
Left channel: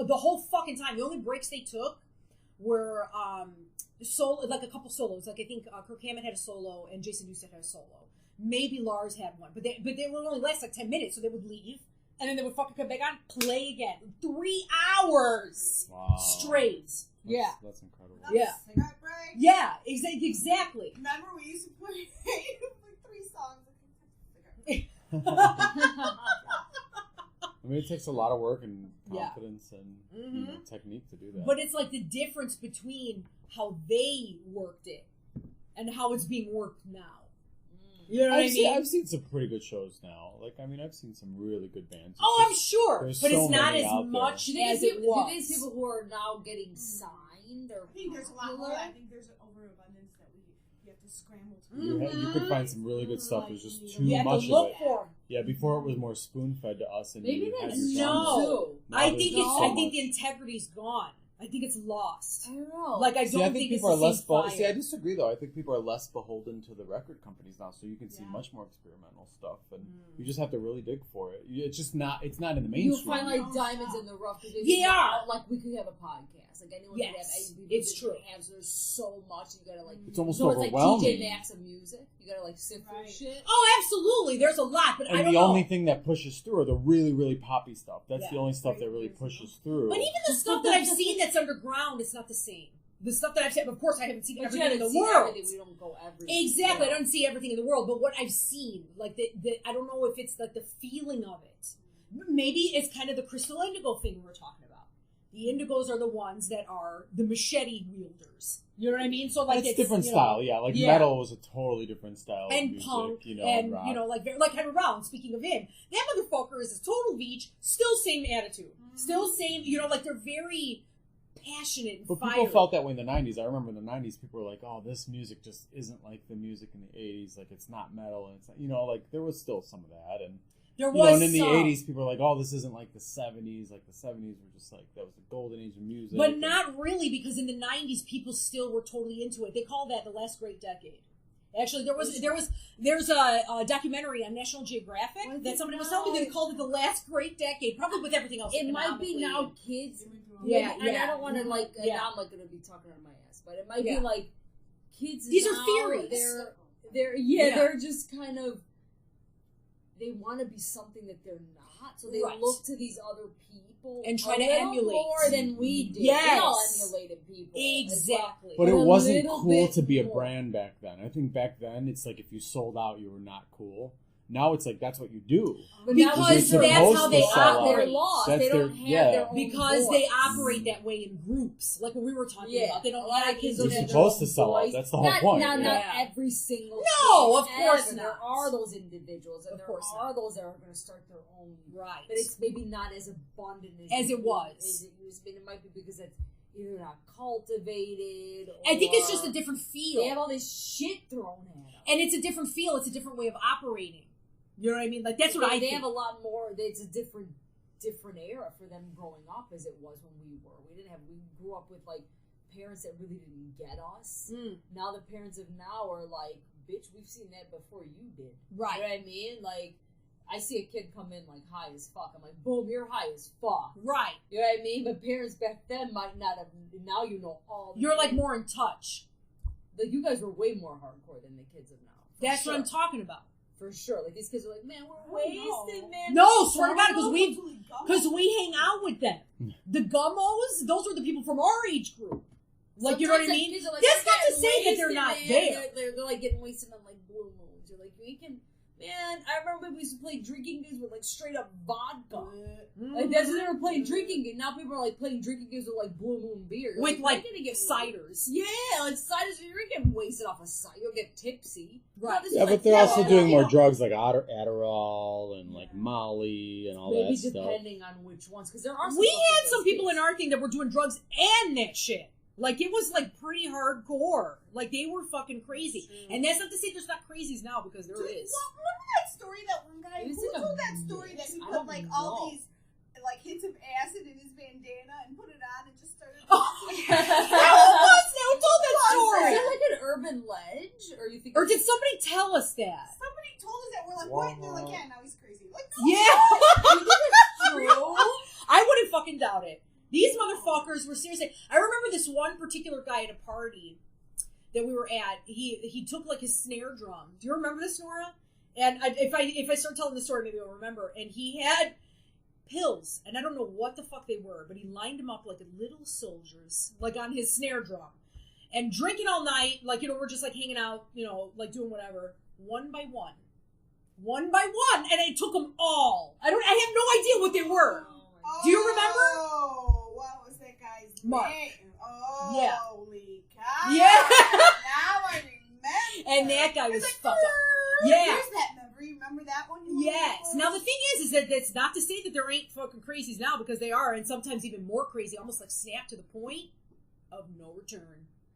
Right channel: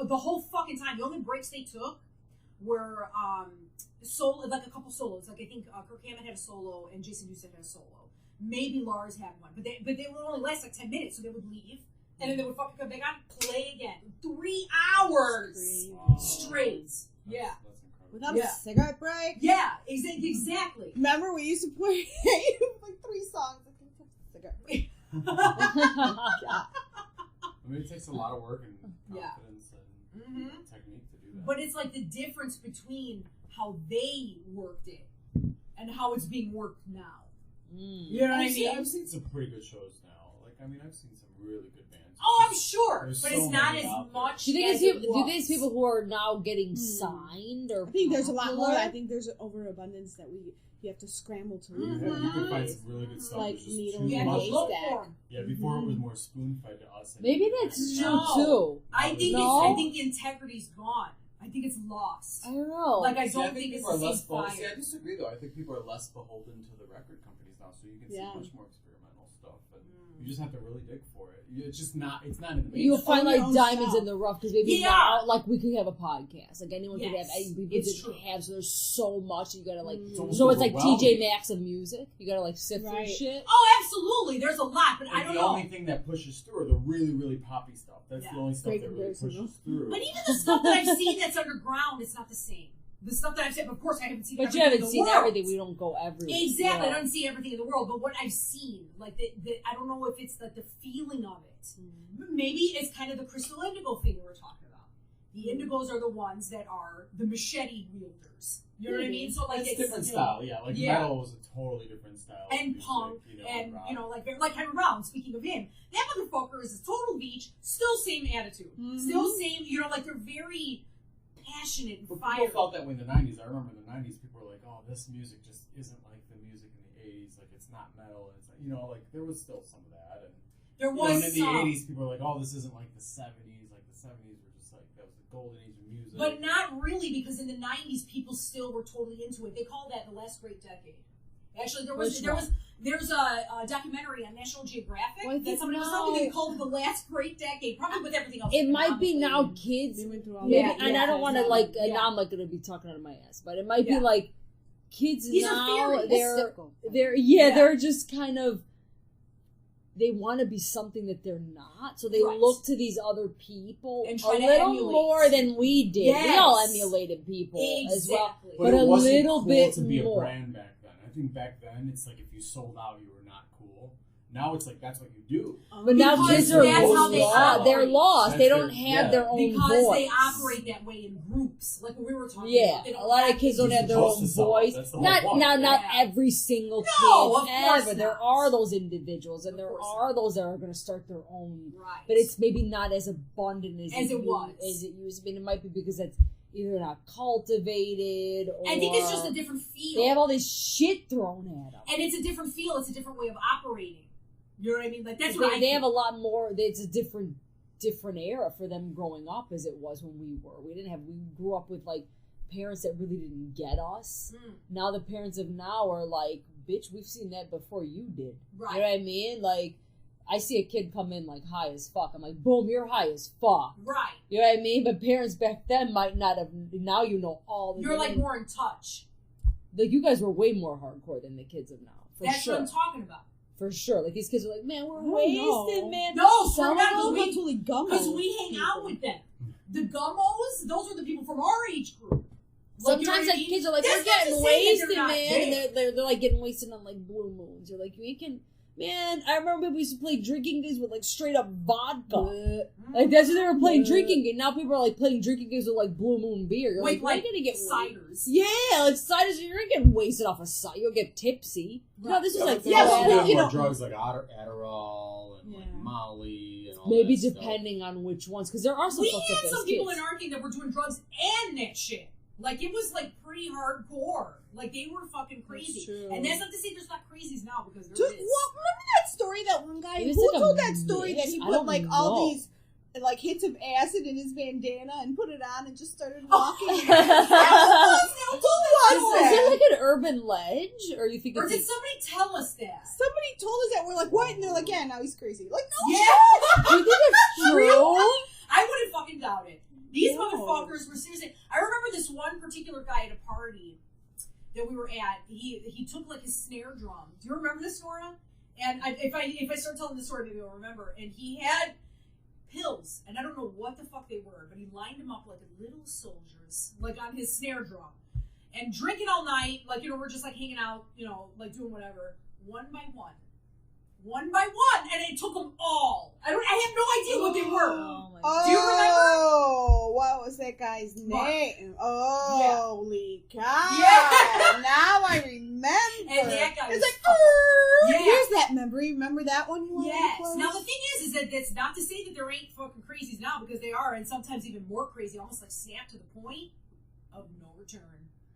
The whole fucking time. The only breaks they took were solo, like a couple solos. Like I think Kirk Hammett had a solo and Jason Newsted had a solo. Maybe Lars had one, but they would only last like 10 minutes, so they would leave. And then they would fucking come back on, play again. 3 hours straight. Yeah. That's incredible. Without a cigarette break? Yeah, exactly. Remember, we used to play like 3 songs. Cigarette break. I mean, it takes a lot of work and confidence and Mm-hmm. technique to do that. But it's like the difference between how they worked it and how it's being worked now. You know what I mean? I've seen some pretty good shows now. Like, I mean, I've seen some really good bands. Oh, I'm sure. There's But so it's not many as out there. much Do you as think it was. these people who are now getting signed or I think there's a lot more. popular? I think there's an overabundance that you have to scramble to. You could find some really good stuff. Like There's just needle- too You have to much look of it. for 'em. Yeah, before it was more spoon fed to us. And Maybe you had that's your true No. too. Now I there's think so I much. think the integrity's gone. I think it's lost. I don't know. Like I See, don't I think it's people are the less same beholden. fire. See, I disagree though. I think people are less beholden to the record companies now, so you can see Yeah. much more experimental stuff, and you just have to really dig for it. It's just not. It's not in the mainstream. You'll find like Your own diamonds stuff. in the rough because maybe Yeah. now, like we could have a podcast, like anyone could have. Yes, People it's could true. have. So there's so much you gotta like. It's almost So it's like overwhelming. TJ Maxx of music. You gotta like sift through Right. shit. Oh, absolutely. There's a lot, but I And don't the know. only thing that pushes through are the really, really poppy stuff. That's Yeah. the only stuff Great that really comparison, pushes through. But even the stuff that I've seen that's underground, it's not the same. The stuff that I've seen, of course, I haven't seen But you everything haven't in the seen world. everything. We don't go everywhere. Exactly, Yeah. I don't see everything in the world, but what I've seen, like I don't know if it's like the feeling of it. Maybe it's kind of the crystal indigo thing we were talking about. The indigos are the ones that are the machete wielders. You know what I mean? So like it's different you know, style, yeah. Like Yeah. metal was a totally different style. of and music, punk, and and rock. like Henry Brown. Speaking of him, that motherfucker is a total beach. Still same attitude. Still same. Like they're very passionate and But fiery. people felt that way in the 90s. I remember in the 90s, people were like, oh, this music just isn't like the music in the 80s. Like, it's not metal. And it's not, like, there was still some of that. And, there and was in the some, 80s, people were like, oh, this isn't like the 70s. Like, the 70s were just like, that was the golden age of music. but not really, because in the 90s, people still were totally into it. They call that the last great decade. Actually, there's a documentary on National Geographic Well, I that think somebody was now- telling me they called it the last great decade, probably with everything else. It going might on be with now it. kids. They went through all Maybe, that. and I don't want to like. Yeah. Now I'm like gonna be talking out of my ass, but it might Yeah. be like kids These now. are theories. They're they're just kind of. They want to be something that they're not, so they Right. look to these other people And try a to little emulate. more than we did. Yes. We all emulated people as well. Exactly. But but it a wasn't little cool bit to be a more. brand back then. I think back then, it's like if you sold out, you were not cool. Now it's like, that's what you do. But now Because kids are that's how they lost. operate. They're lost. That's they their- don't have yeah. their own Because voice. they operate that way in groups, like what we were talking Yeah, about. They don't a lot have of kids don't these- have their supposed own to sell out. voice. That's the whole not point. Now, not Yeah. every single No, kid of course ever. There not. are those individuals, and Of there course are those that are going to start their own. Right. But it's maybe not as abundant as As it was. As it used to be. And it might be because that's either not cultivated or I think it's just a different feel. they have all this shit thrown at them. And it's a different feel. It's a different way of operating. You know what I mean? Like that's they, what I they think. have a lot more. It's a different era for them growing up as it was when we were. We grew up with like parents that really didn't get us. Now the parents of now are like, bitch, we've seen that before you did. Right. You know what I mean? Like, I see a kid come in like high as fuck. I'm like, boom, you're high as fuck. Right. You know what I mean? But parents back then might not have. Now you know all. The You're like names. more in touch. Like you guys were way more hardcore than the kids of now. For That's sure. what I'm talking about. For sure. Like these kids are like, man, we're don't wasted, know. man. No, swear to Some God, of them totally gummo. because we hang out with them. The gummos, those are the people from our age group. Like, you know what Sometimes I like, mean? kids are like, That's we're not to getting say that wasted, they're not man. there. They're like getting wasted on like blue moons. You're like, we can. Man, I remember we used to play drinking games with like straight up vodka. Like that's what they were playing drinking games. Now people are like playing drinking games with like Blue Moon beer. You're With like you're gonna get ciders. Yeah, like ciders. You're gonna get wasted off a cider. You'll get tipsy. Right. No, this is Yeah, like but they're also doing you more know- drugs like Adderall and like Molly and all maybe that stuff. depending on which ones, because there are some. We fucked up had some ass people kids. in our thing that were doing drugs and that shit. Like, it was, like, pretty hardcore. Like, they were fucking crazy. true. And that's not to say there's not crazies now, because there Dude, is. well, remember that story that one guy It was who like a told that story that he mix? I put don't like know. all these like hits of acid in his bandana and put it on and just started Oh, walking. yeah. Who told that Is story? it like an urban ledge, or you think? Or it's did somebody tell us that? Somebody told us that. We're like, what? And they're like, yeah, now he's crazy. Like, no. Yeah. do you think it's true? I wouldn't fucking doubt it. These No. motherfuckers were seriously. I remember this one particular guy at a party that we were at. He took like his snare drum. Do you remember this, Nora? And if I start telling the story, maybe I'll remember. And he had pills, and I don't know what the fuck they were, but he lined them up like little soldiers, like on his snare drum, and drinking all night. Like, you know, we're just like hanging out, you know, like doing whatever, one by one, and it took them all. I have no idea what they were. Oh, Do you remember? What was that guy's Mark. name? Holy cow. Yeah. Now I remember. And that guy was it's like, fucking. Yeah. Here's that memory. Remember that one? Yes. Now the thing is that that's not to say that there ain't fucking crazies now, because they are, and sometimes even more crazy, almost like snap to the point of no return.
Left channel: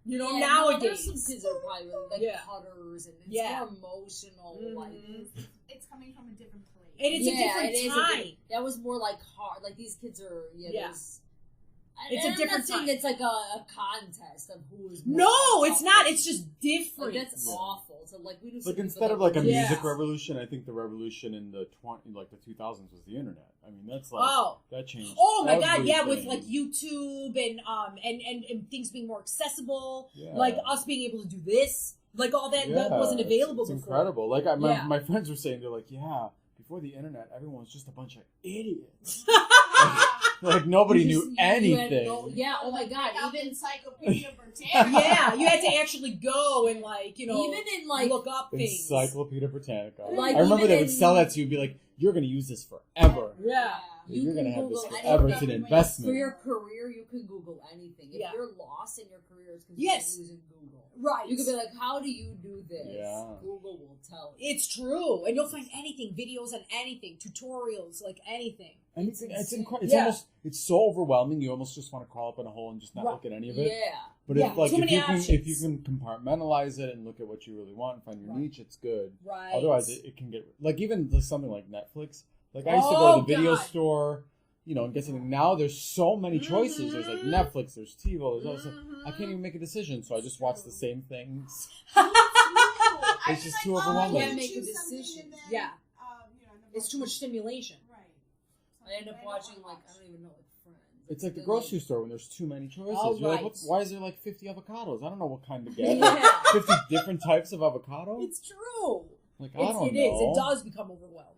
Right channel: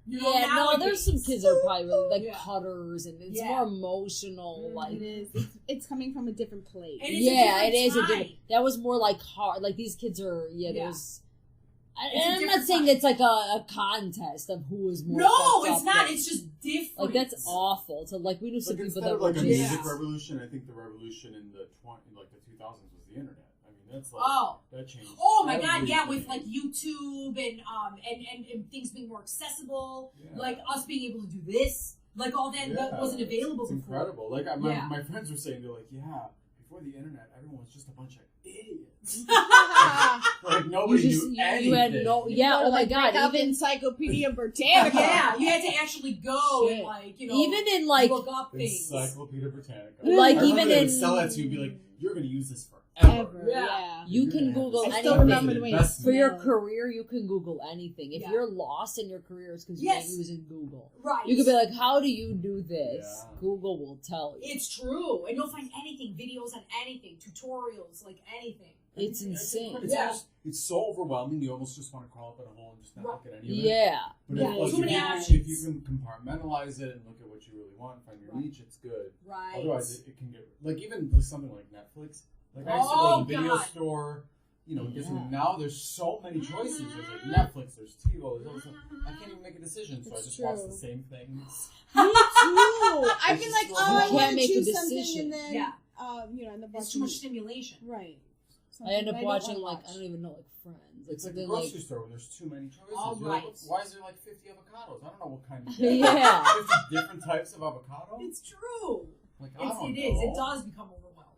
You know, Yeah, nowadays. no, there's some kids that are probably really like Yeah. cutters, and it's Yeah. more emotional. Mhm. Like, It is. It's coming from a different place. And it's a different it is. time. That was more like hard. Like these kids are. Yeah, Yeah. there's. It's a And I'm not different saying time. it's like a contest of who is more. No, fucked it's up, not. but, It's just different. like that's awful. So like we knew some Like people instead that of like were a just- music Yeah. revolution, I think the revolution in the 2000s was the internet. I mean, that's like Oh. that changed. Oh my That was god, really yeah, big. with like YouTube and things being more accessible, Yeah. like us being able to do this, like all that wasn't it's- available It's before. incredible. Like Yeah. my friends were saying, they're like, yeah, before the internet, everyone was just a bunch of idiots. Like nobody You knew just- you anything. had no- yeah. Oh my Like, god. break out the Even Encyclopedia Britannica. Yeah, you had to actually go and like, you know, even in like look up things. Encyclopedia Britannica. Like, I remember even they would in- sell that to you and be like, you're going to use this forever. Yeah. You You're can gonna have Google this anything. forever as an Remember when investment. for your Yeah. career, you can Google anything. If Yeah. you're lost in your career, it's because Yes. you're using Google. Right. You could be like, "How do you do this?" Yeah. Google will tell you. It's true, and you'll find anything, videos on anything, tutorials, like anything. It's Anything- insane. it's Yeah. almost, it's so overwhelming. You almost just want to crawl up in a hole and just not Right. look at any of it. Yeah. But Yeah, if, like, too if many you can options. compartmentalize it and look at what you really want and find your Right. niche, it's good. Right. Otherwise, it can get like even something like Netflix. Like I used to go Oh, to the video God. store, you know, and get Yeah. something. Now there's so many choices. There's like Mhm. Netflix, there's TiVo, there's also, I Mhm. can't even make a decision, so I It's just watch true. the same things. Me too. I've It's been just like, too I overwhelming. want Can't to make a choose something, decision. and then, Yeah. you know, and the It's too much stimulation. Right. I end up Something watching don't like wanna I don't even know like Friends. It's like the something grocery store when there's too many choices. Oh, You're like, right. why is there like 50 avocados? I don't know what kind to get. Yeah. 50 different types of avocado? It's true. Like, I don't It know. is. It does become overwhelming.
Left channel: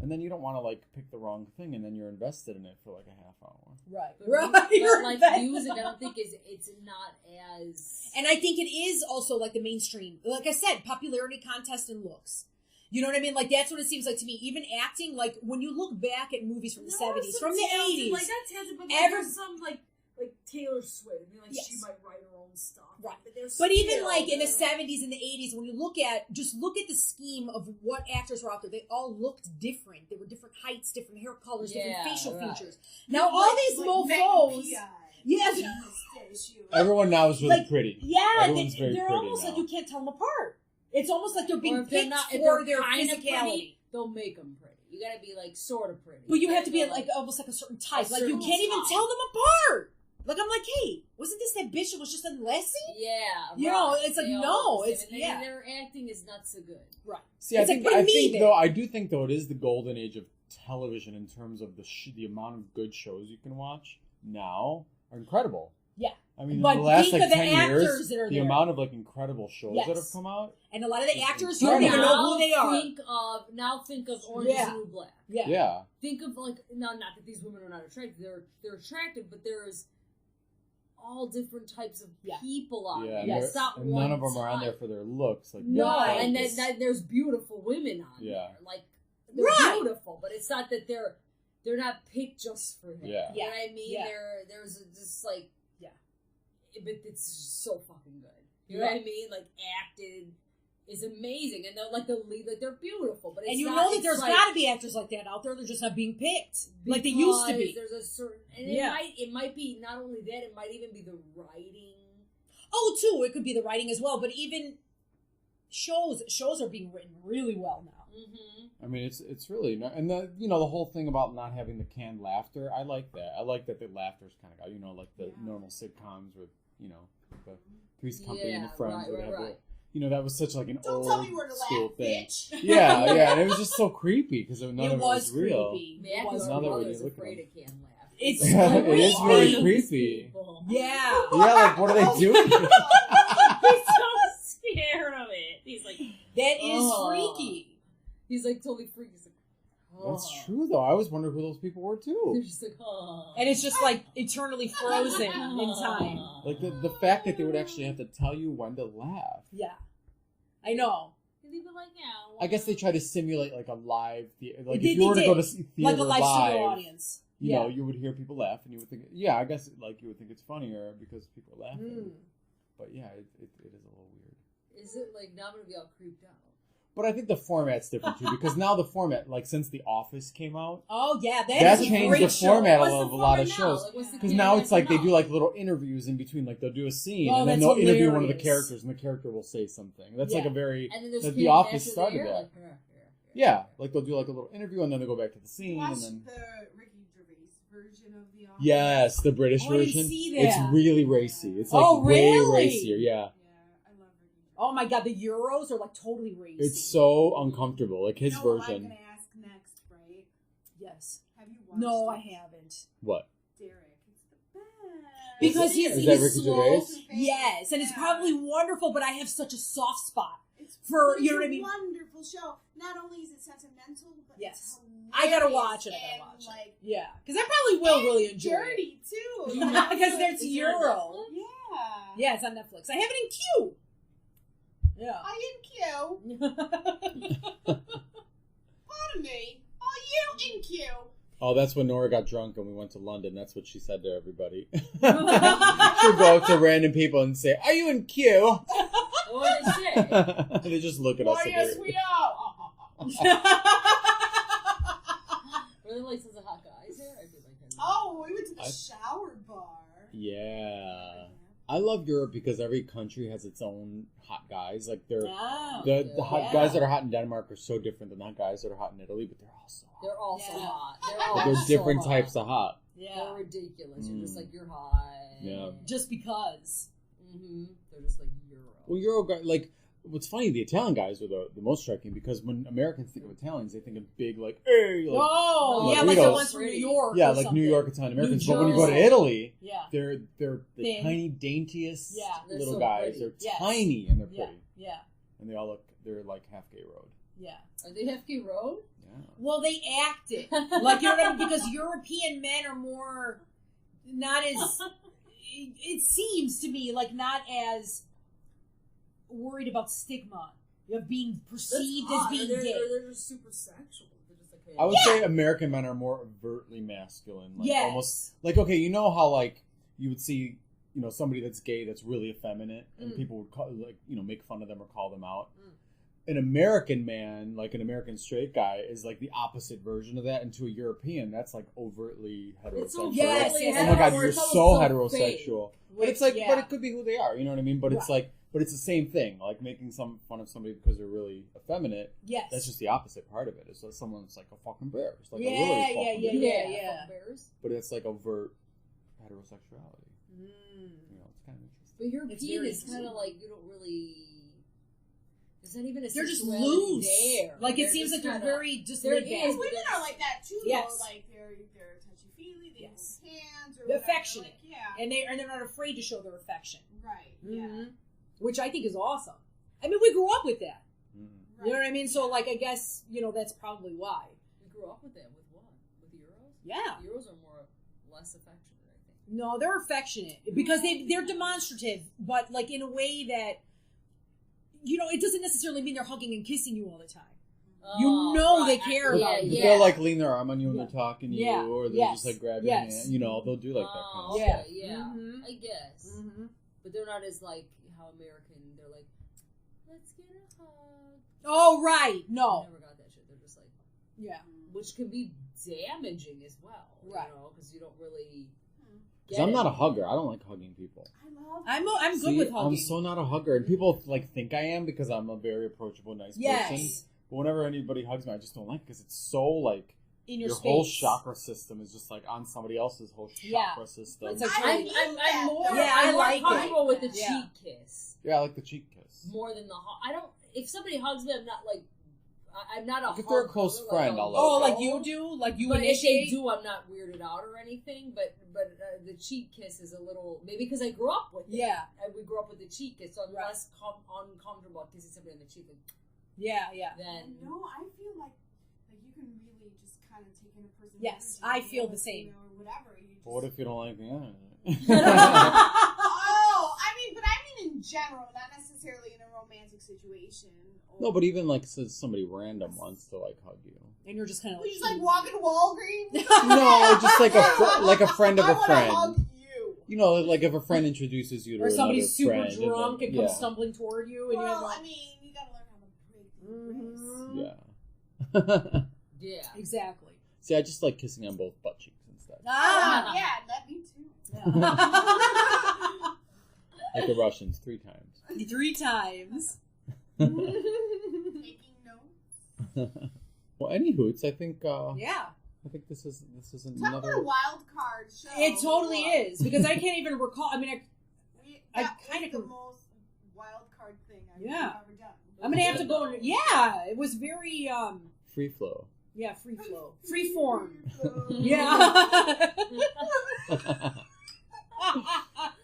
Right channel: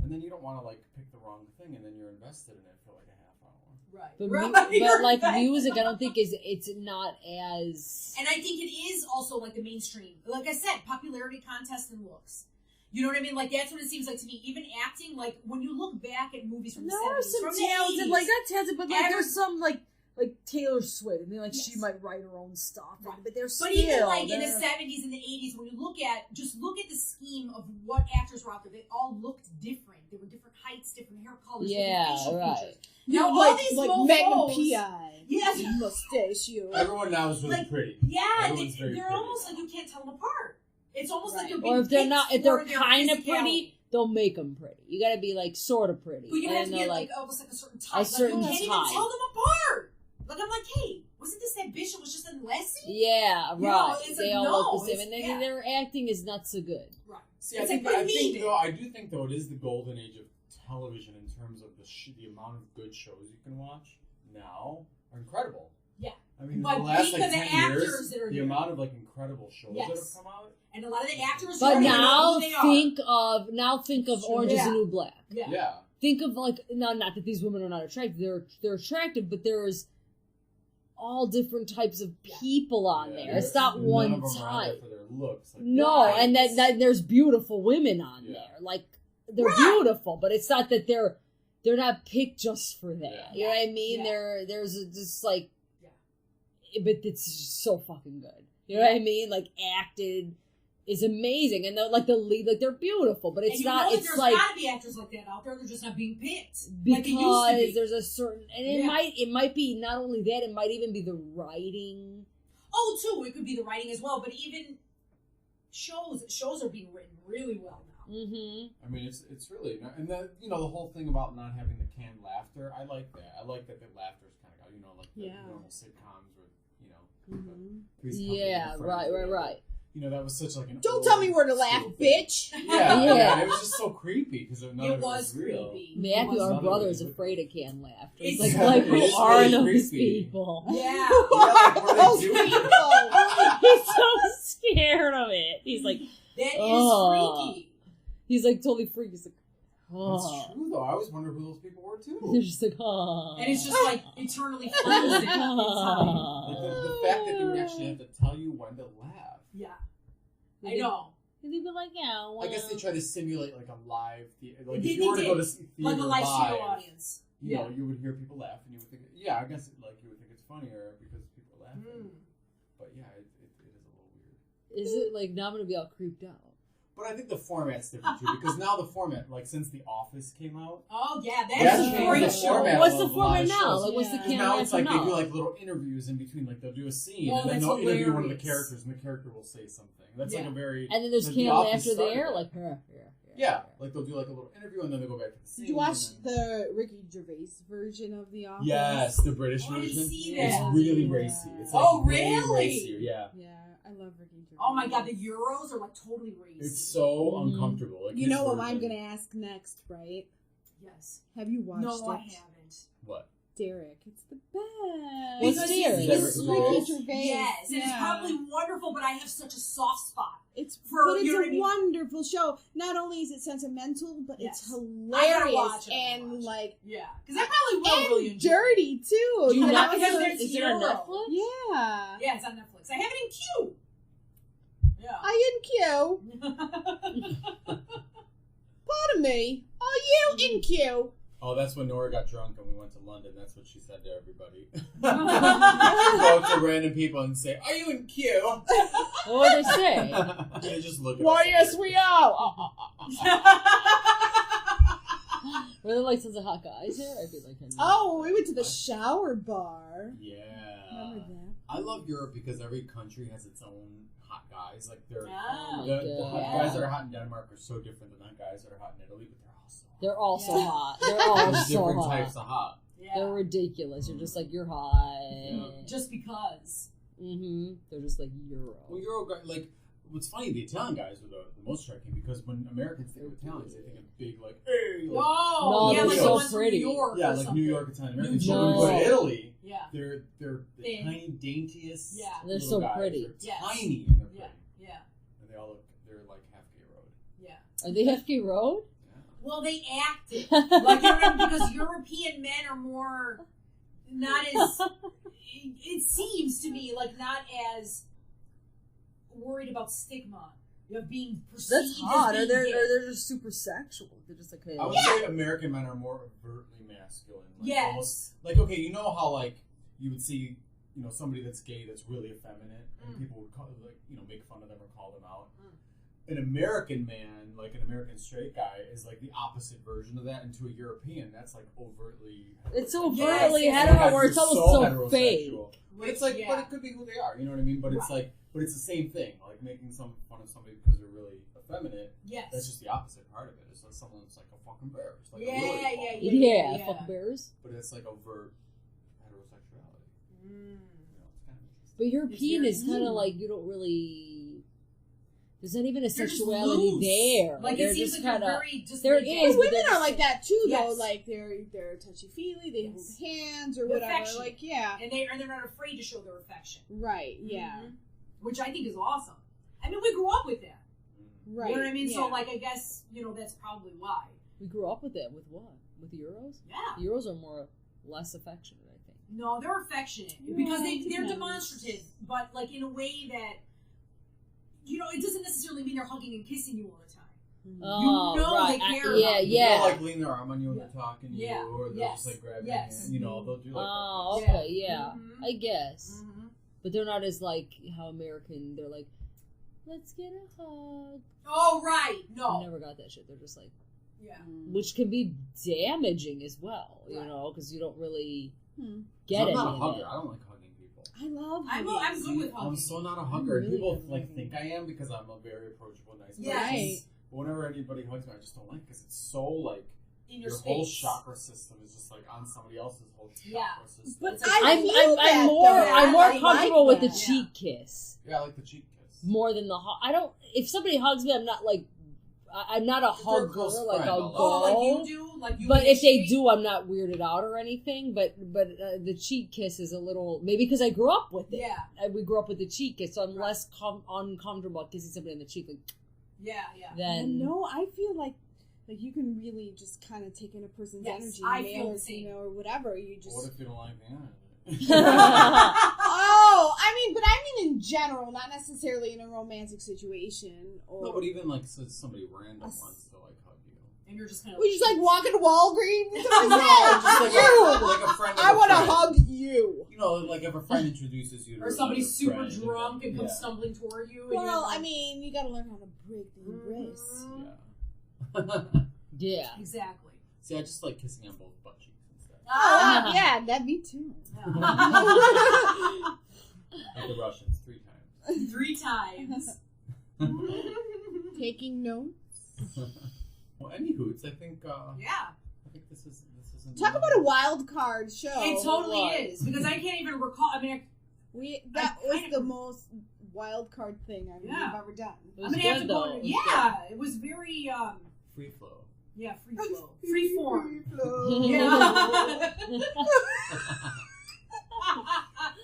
And then you don't want to like pick the wrong thing, and then you're invested in it for like a half hour. Right. But, Right. but like Right. music, I don't think it's not as. And I think it is also like the mainstream. Like I said, popularity contest and looks. You know what I mean? Like that's what it seems like to me. Even acting, like when you look back at movies from the 70s, from the 80s, like that's talented, but like Every- there's some like Taylor Swift. I mean, like she Yes. might write her own stuff, Right. but there's but even like in the 70s and the 80s, when you look at the scheme of what actors were out there, they all looked different. They were different heights, different hair colors, Yeah, different facial right. features. Now all like, these like mofos, Magnum P.I. Yes. Mustachio. Everyone now is really Like, pretty. yeah, Everyone's very they're pretty almost now. like you can't tell them apart. It's almost like they're Right. being Or if they're picked not, if for they're their kind of physicality. pretty, they'll make them pretty. You gotta be like sort of pretty. But you have And to be they're, like almost like a certain type. Like certain you can't even type. tell them apart. Like I'm like, hey, wasn't this that bitch that was just in Lassie? yeah, You right. know, it's like, They all no, look the same, it's- and then yeah. their acting is not so good. Right. See, I It's like, think what do I you think mean? though I do think though it is the golden age of television in terms of the amount of good shows you can watch now are incredible. Yeah. I mean, But in the last think like of the 10 actors years, that are the there. amount of like incredible shows that have Yes. come out. And a lot of the actors, But you don't even know now who they are. think of Orange is Yeah. the New Black. Yeah. Yeah. Think of like not that these women are not attractive. They're attractive, but there's all different types of people on there. It's not and one none of them are on there type. for their looks. Like, No, and then there's beautiful women on there. Like they're beautiful, but it's not that they're not picked just for that. Yeah. You know what I mean? Yeah. There's just like, but it's just so fucking good. You know what I mean? Like acted is amazing, and the lead, like they're beautiful, but it's and you not. know It's there's like, gotta be actors like that out there. They're just not being picked because like they used to be. there's a certain, and it might be not only that, it might even be the writing. Oh, too, it could be the writing as well. But even shows are being written really well now. Mm-hmm. I mean, it's really not, and the the whole thing about not having the canned laughter. I like that. I like that the laughter's kind of like the normal sitcoms with the Three's Company and Friends, Right. That was such like an Don't tell me where to laugh, bitch. Yeah, and it was just so creepy because none of it was real. Creepy. Matthew, our Another brother, way is to look afraid at of canned laughter. It's He's like, it is are really those creepy. people? Yeah. Like what are they doing? He's so scared of it. He's like, That is freaky. He's like totally freaky. He's like, That's true though. I always wondered who those people were too. They're just like, oh. And it's just like eternally frozen in time. Like the fact that they would actually have to tell you when to laugh. Yeah. I know. And they'd be like, yeah. Well. I guess they try to simulate like a live theater. Like They if you were to go to did. see theater Like a live studio audience. you know, you would hear people laugh, and you would think, I guess like you would think it's funnier because people are laughing. But yeah, it is a little weird. Is it like now I'm gonna be all creeped out? But I think the format's different too, because now the format, like since The Office came out, Oh yeah, that that's a changed great the show. format What's of the a lot format of now? shows. Like, what's the Because now it's like they now? do like little interviews in between, like they'll do a scene Oh, and then that's they'll interview one of the hilarious. characters, and the character will say something. That's like Yeah. a very And then there's The canned Office laughter started there, that. like yeah, like they'll do like a little interview and then they'll go back to the Did you scene. watch And then... the Ricky Gervais version of The Office? Yes, the British Oh, I didn't version. see It's that. really racy. It's like Oh, way really? racier. Yeah. Yeah, I love Ricky Gervais. Oh my god, the Euros are like totally racy. It's so Mhm. uncomfortable. Like You his know what version. I'm going to ask next, right? Yes. Have you watched No, it? I haven't. What? Derek, it's the best. Because it? he's, Is that he's Ricky slow. Gervais? Yes, and it's probably wonderful, but I have such a soft spot. It's for- but you know it's what a I mean? wonderful show. Not only is it sentimental, but Yes. it's hilarious. I gotta watch it. And like Yeah, because I probably will and really enjoy dirty too. Do you Not not because is there's it on Euro. Netflix? Yeah. it. Yeah, it's on Netflix. I have it in queue. Yeah. I in queue. Pardon me. Are you in queue? Oh, that's when Nora got drunk and we went to London. That's what she said to everybody. She'd go up to random people and say, "Are you in queue?" What would they say? And they just look at us. Why, yes, we are. Were there like tons of hot guys here? I'd be like, Oh, we went to the shower bar. Yeah. Remember that? I love Europe because every country has its own hot guys. Like they're Oh, the hot yeah. guys that are hot in Denmark are so different than the hot guys that are hot in Italy, but they're all so hot. they're also Yeah. hot. They're all There's so different hot. types of hot. Yeah. They're ridiculous. You're just Mm. like, you're hot. Yeah. Just because. Mm-hmm. They're just like Euro. Well, Euro guy, like what's funny, the Italian guys are the most striking because when Americans think of Italians, they think of big like, hey, like, Oh, No, yeah, like Doritos. the ones from New Pretty. York. yeah, or like something. New York Italian Americans. New But when you go to Jersey. Italy, Yeah. they're the Thin. tiny, daintiest Yeah. They're little so guys. pretty. They're Yes. tiny and they're Yeah. pretty, Yeah. and they're like half gay road. Yeah. Are they FK Road? Yeah. Well, they acted like you know, because European men are more not as. It seems to me like not as worried about stigma of being perceived as being gay. they're just super sexual. They're just like, hey. I would say American men are more overtly masculine. Like Yes. almost like, okay, you know how like you would see, somebody that's gay that's really effeminate and people would call, like, make fun of them or call them out. An American man, like an American straight guy, is like the opposite version of that. And to a European, that's like overtly heterosexual. It's so Yes, overtly yes. Oh my God, hetero, or you're it's so almost so fake. heterosexual. But it's like, Yeah. but it could be who they are. You know what I mean? But it's Right. like, but it's the same thing. Like making some fun of somebody because they're really effeminate. Yes. That's just the opposite part of it. It's like someone's like a fucking bear. It's like Yeah, a really yeah, fucking yeah, bear. Yeah, fuck bears. But it's like overt heterosexuality. Mm. It's kind of interesting. But European very is kind of loose. like, you don't really. There's not even a They're just sexuality loose. there. Like They're it seems just like they're kinda- very just. there laid is, back. And but women that's- are like that too, Yes. though. Like they're touchy feely. They Yes. hold hands or They're whatever. affectionate. Like yeah, and they're not afraid to show their affection. right. Yeah, Mhm. Which I think is awesome. I mean, we grew up with that. right. You know what I mean? Yeah. So, like, I guess that's probably why. We grew up with that. With what? With Euros? Yeah. Euros are more less affectionate, I think. No, they're affectionate because they're demonstrative, but like in a way that, you know, it doesn't necessarily mean they're hugging and kissing you all the time. They care about you. They'll like lean their arm on you when they're talking to you, or they'll just like grab your hand. You know, they'll do like that. Oh, okay, I guess. But they're not as like how American. They're like, let's get a hug. Oh right, no, I never got that shit. They're just like, which can be damaging as well. You know, because you don't really. I'm not a hugger. I don't like hugging people. I love. I'm good with hugging. I'm so not a hugger, and people like think I am because I'm a very approachable, nice person. But whenever anybody hugs me, I just don't like it because it's so like in your space. Whole chakra system is just like on somebody else's whole chakra system. But I'm more comfortable with the cheek kiss. Yeah, I like the cheek kiss more than the hug. I don't. If somebody hugs me, I'm not like. I'm not a hugger. Close like friend, like you do, like you. But if they do, I'm not weirded out or anything. But the cheek kiss is a little maybe because I grew up with it. Yeah, we grew up with the cheek kiss, so I'm less uncomfortable kissing somebody on the cheek. Like, Then no, I feel like you can really just kind of take in a person's energy. I feel the same, or whatever. You just. What if you don't like the energy? But I mean in general, not necessarily in a romantic situation. No, but even like somebody random wants to like hug you, and you're just kind of we just like walking to Walgreens. No, just like a friend of a friend. I want to hug you. You know, like if a friend introduces you to or somebody's super friend drunk and comes stumbling toward you. And well, I mean, you got to learn how to break the ice. Yeah, exactly. See, I just like kissing on both butt cheeks instead. Yeah, that me too. Like the Russians, 3 times. 3 times. Taking notes. Well, any hoots, I think. I think this isn't. Talk about a wild card show. It totally is because I can't even recall. I mean, that was the most wild card thing I've ever done. I'm gonna have to go. It was very free flow. Yeah, free flow, free form.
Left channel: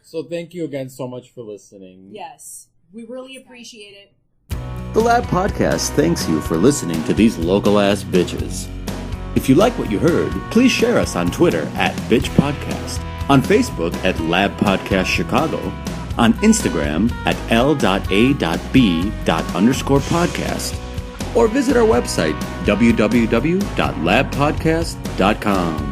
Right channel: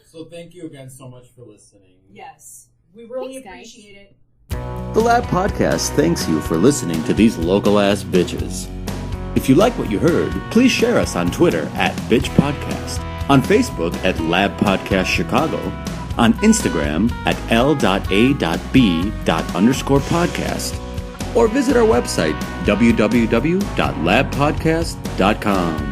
So thank you again so much for listening. Yes, we really appreciate it. The Lab Podcast thanks you for listening to these local-ass bitches. If you like what you heard, please share us on Twitter @BitchPodcast, on Facebook @LabPodcastChicago, on Instagram @L.A.B._podcast, or visit our website www.labpodcast.com.